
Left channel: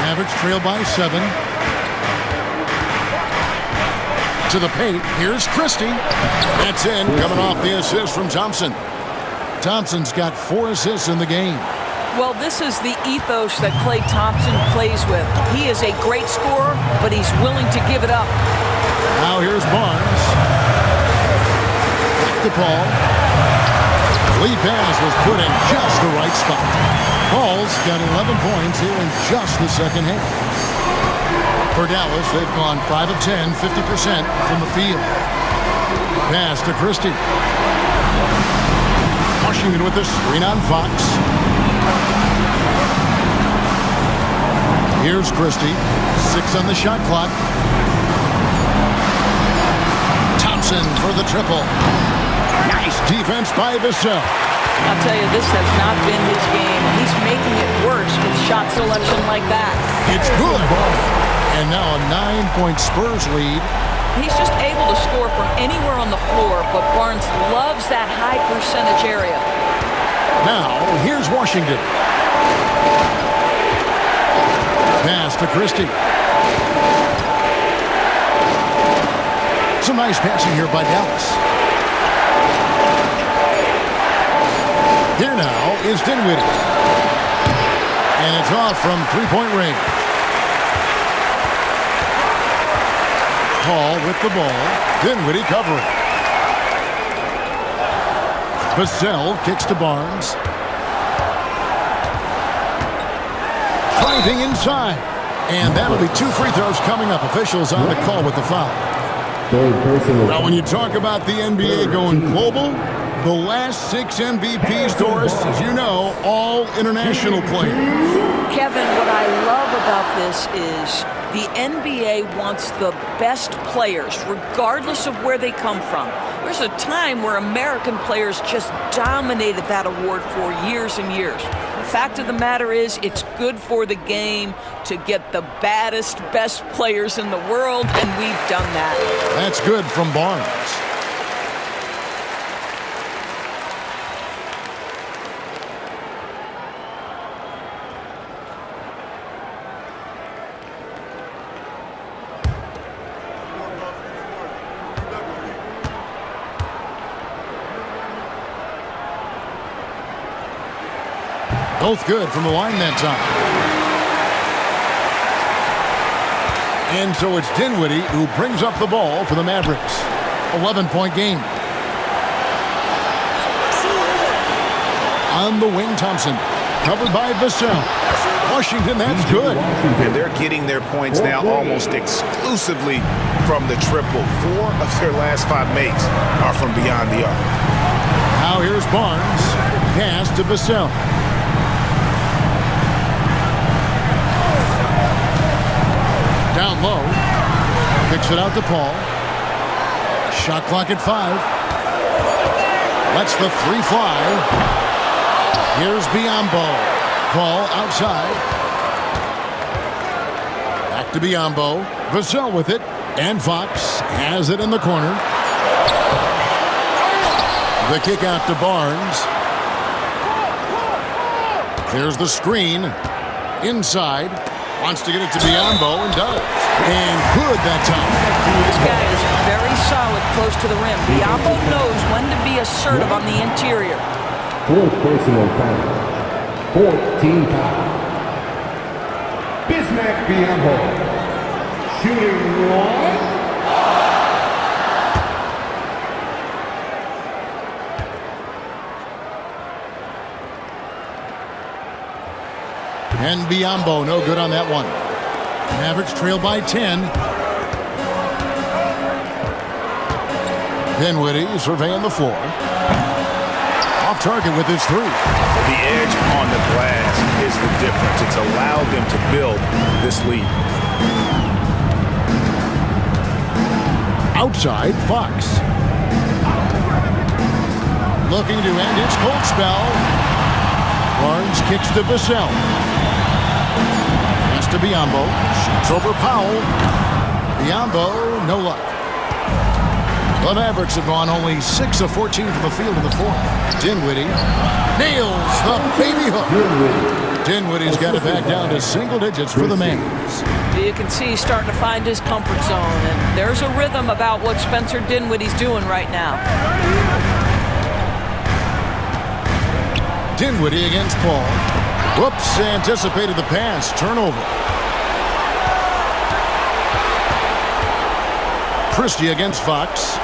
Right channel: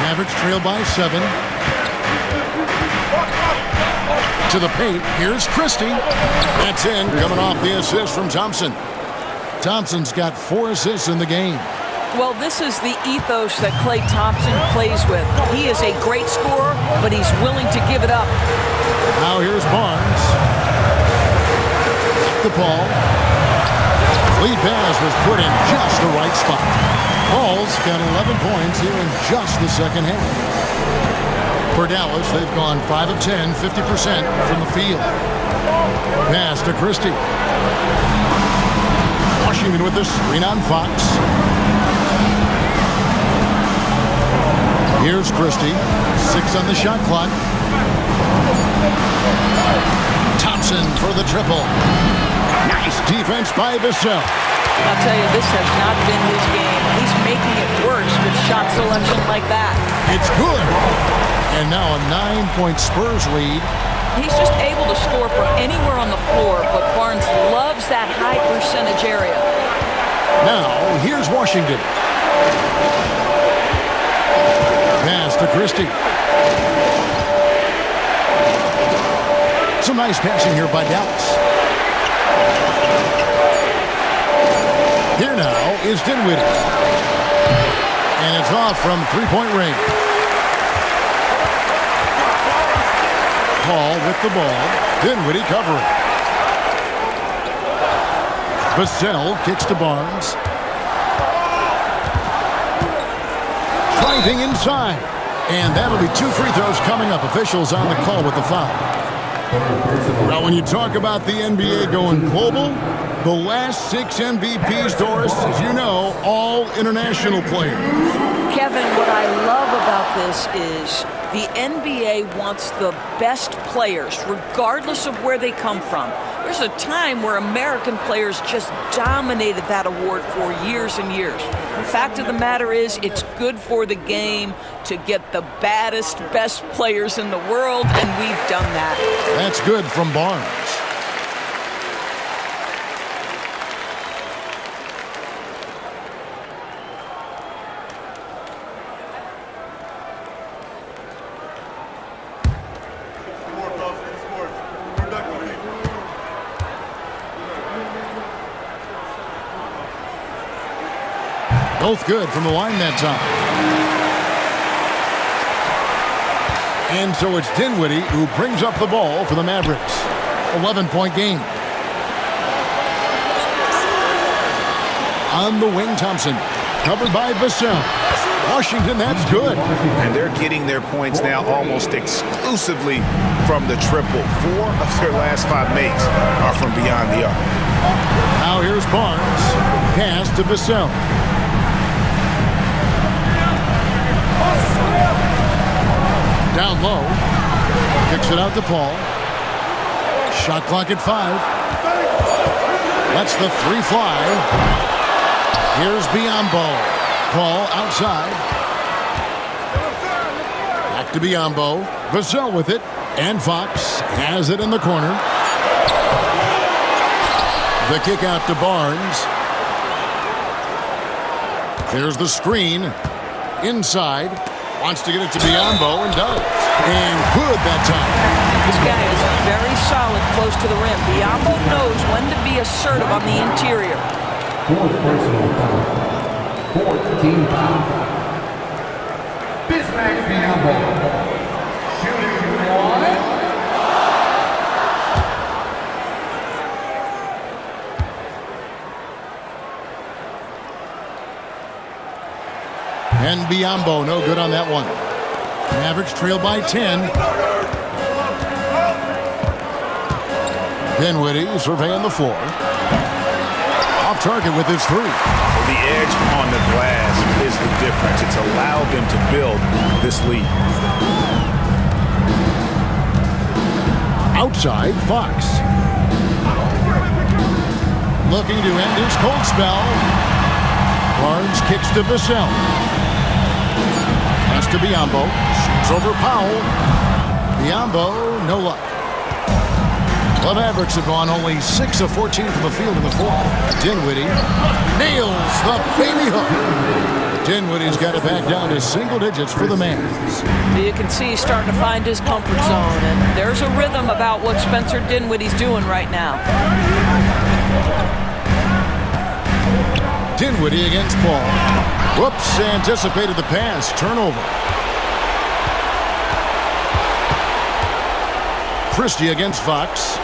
Mavericks trail by 7. To the paint. Here's Christie. That's in, coming off the assist from Thompson. Thompson's got 4 assists in the game. Well, this is the ethos that Klay Thompson plays with. He is a great scorer, but he's willing to give it up. Now here's Barnes. The ball. Lead pass was put in just the right spot. Paul's got 11 points here in just the second half. For Dallas, they've gone 5 of 10, 50% from the field. Pass to Christie. Washington with the screen on Fox. Here's Christie. 6 on the shot clock. Thompson for the triple. Nice defense by Vassell. I'll tell you, this has not been his game. He's making it worse with shot selection like that. It's good. And now a 9-point Spurs lead. He's just able to score from anywhere on the floor, but Barnes loves that high percentage area. Now, here's Washington. Pass to Christie. Some nice passing here by Dallas. Here now is Dinwiddie. And it's off from 3-point range. Paul with the ball. Dinwiddie covering. Vassell kicks to Barnes. Driving inside. And that'll be 2 free throws coming up. Officials on the call with the foul. Well, when you talk about the NBA going global, the last 6 MVPs, Doris, as you know, all international players. Kevin, what I love about this is the NBA wants the best players, regardless of where they come from. There's a time where American players just dominated that award for years and years. The fact of the matter is, it's good for the game to get the baddest, best players in the world, and we've done that. That's good from Barnes. Both good from the line that time. And so it's Dinwiddie who brings up the ball for the Mavericks. 11-point game. On the wing, Thompson. Covered by Vassell. Washington, that's good. And they're getting their points now almost exclusively from the triple. 4 of their last 5 makes are from beyond the arc. Now here's Barnes. Pass to Vassell. Down low. Kicks it out to Paul. Shot clock at 5. Lets the 3 fly. Here's Biyombo. Paul outside. Back to Biyombo. Vassell with it. And Fox has it in the corner. The kick out to Barnes. Here's the screen. Inside. Wants to get it to Biyombo and does. And good that time. This guy is very solid close to the rim. Biyombo knows when to be assertive on the interior. 4th personal foul. 4th team foul. Bismack Biyombo. Shooting 1. And Biyombo, no good on that one. Mavericks trail by 10. Dinwiddie surveying the floor. Off target with his three. The edge on the glass is the difference. It's allowed them to build this lead. Outside, Fox. Looking to end his cold spell. Barnes kicks to Vassell. Pass to Biyombo. Shoots over Powell. Biyombo, no luck. The Mavericks have gone only 6 of 14 from the field in the fourth. Dinwiddie nails the baby hook. Dinwiddie's got it back down to single digits for the Mavs. You can see he's starting to find his comfort zone, and there's a rhythm about what Spencer Dinwiddie's doing right now. Dinwiddie against Paul. Whoops, anticipated the pass. Turnover. Christie against Fox.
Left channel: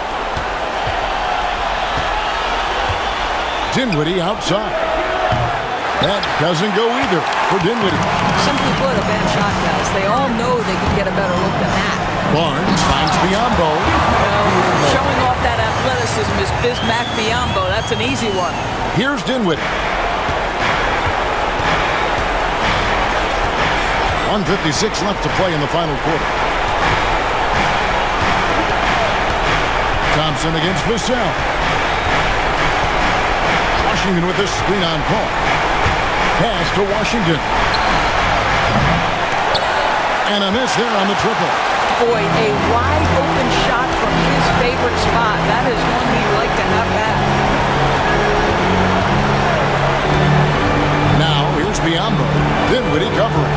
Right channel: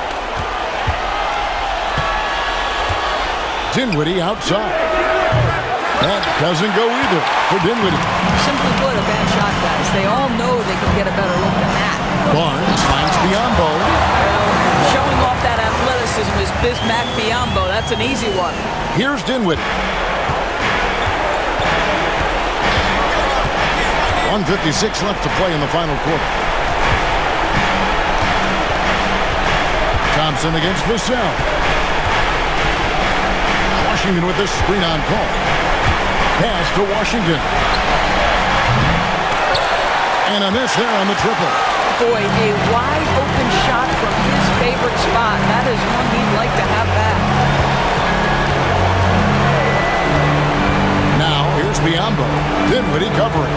Dinwiddie outside. That doesn't go either for Dinwiddie. Simply put, a bad shot, guys. They all know they can get a better look than that. Barnes finds Biyombo. Well, showing off that athleticism is Bismack Biyombo. That's an easy one. Here's Dinwiddie. 1:56 left to play in the final quarter. Thompson against Vassell. Washington with this screen on Paul. Pass to Washington. And a miss there on the triple. Boy, a wide open shot from his favorite spot. That is one he'd like to have back. Now here's Biyombo. Dinwiddie covering.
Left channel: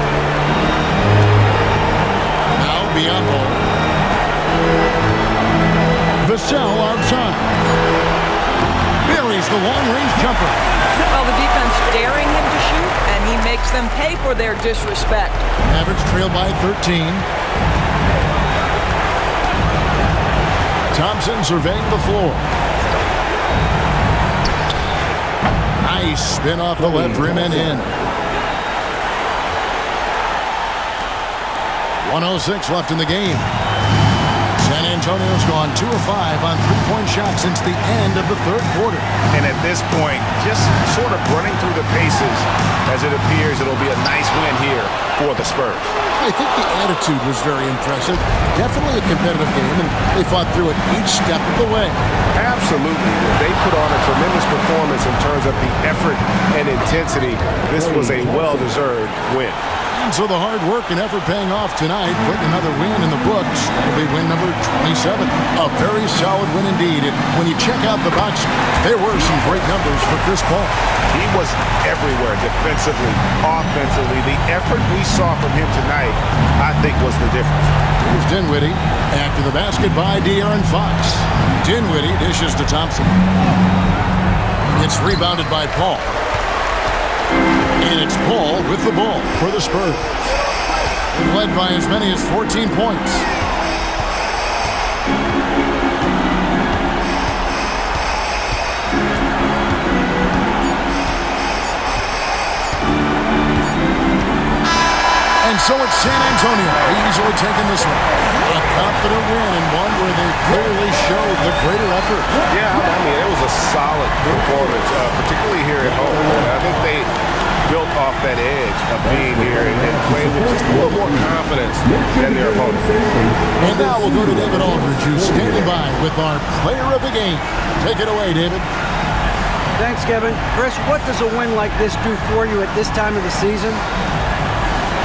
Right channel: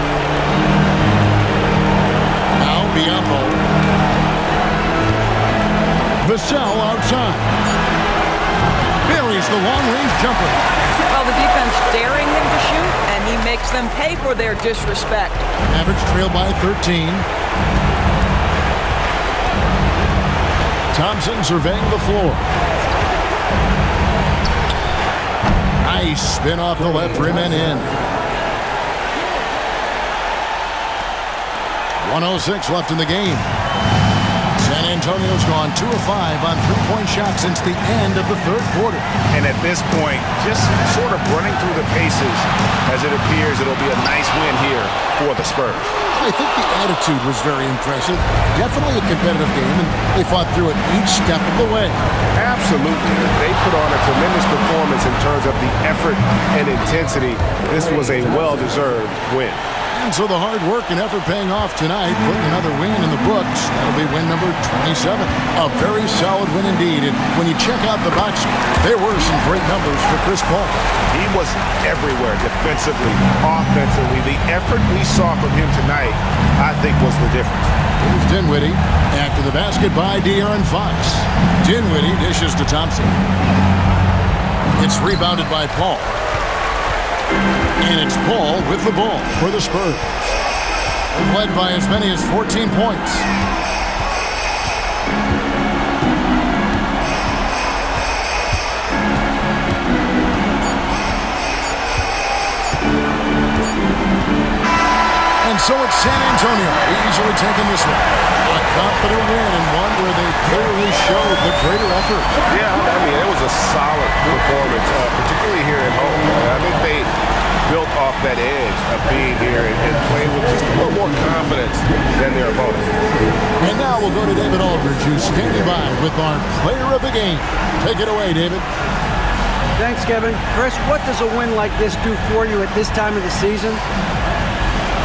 Now Biyombo. Vassell outside. Buries the long-range jumper. Well, the defense daring him to shoot, and he makes them pay for their disrespect. Mavericks trail by 13. Thompson surveying the floor. Nice spin off the left rim and in. 1:06 left in the game. San Antonio's gone 2 of 5 on three-point shots since the end of the third quarter. And at this point, just sort of running through the paces as it appears it'll be a nice win here for the Spurs. I think the attitude was very impressive. Definitely a competitive game, and they fought through it each step of the way. Absolutely. They put on a tremendous performance in terms of the effort and intensity. This was a well-deserved win. And so the hard work and effort paying off tonight, putting another win in the books. That'll be win number 27. A very solid win indeed. And when you check out the box score, there were some great numbers for Chris Paul. He was everywhere, defensively, offensively. The effort we saw from him tonight, I think, was the difference. Here's Dinwiddie. After the basket by De'Aaron Fox. Dinwiddie dishes to Thompson. It's rebounded by Paul. And it's Paul with the ball for the Spurs. They've led by as many as 14 points. And so it's San Antonio easily taking this one. A confident win and one where they clearly showed the greater effort. Yeah, I mean, it was a solid performance, particularly here at home. I think they built off that edge of being here and playing with just a little more confidence than their opponent. And now we'll go to David Aldridge, who's standing by with our player of the game. Take it away, David. Thanks, Kevin. Chris, what does a win like this do for you at this time of the season?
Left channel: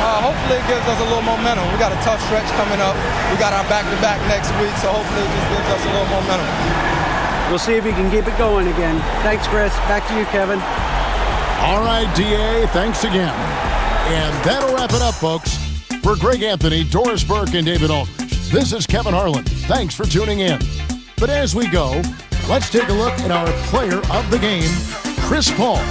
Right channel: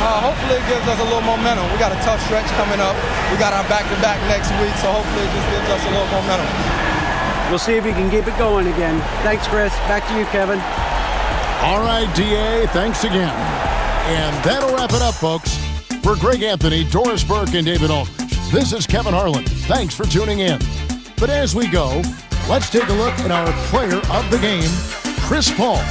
Hopefully it gives us a little momentum. We got a tough stretch coming up. We got our back-to-back next week, so hopefully it just gives us a little momentum. We'll see if you can keep it going again. Thanks, Chris. Back to you, Kevin. All right, DA, thanks again. And that'll wrap it up, folks. For Greg Anthony, Doris Burke, and David Aldridge, this is Kevin Harlan. Thanks for tuning in. But as we go, let's take a look at our player of the game, Chris Paul.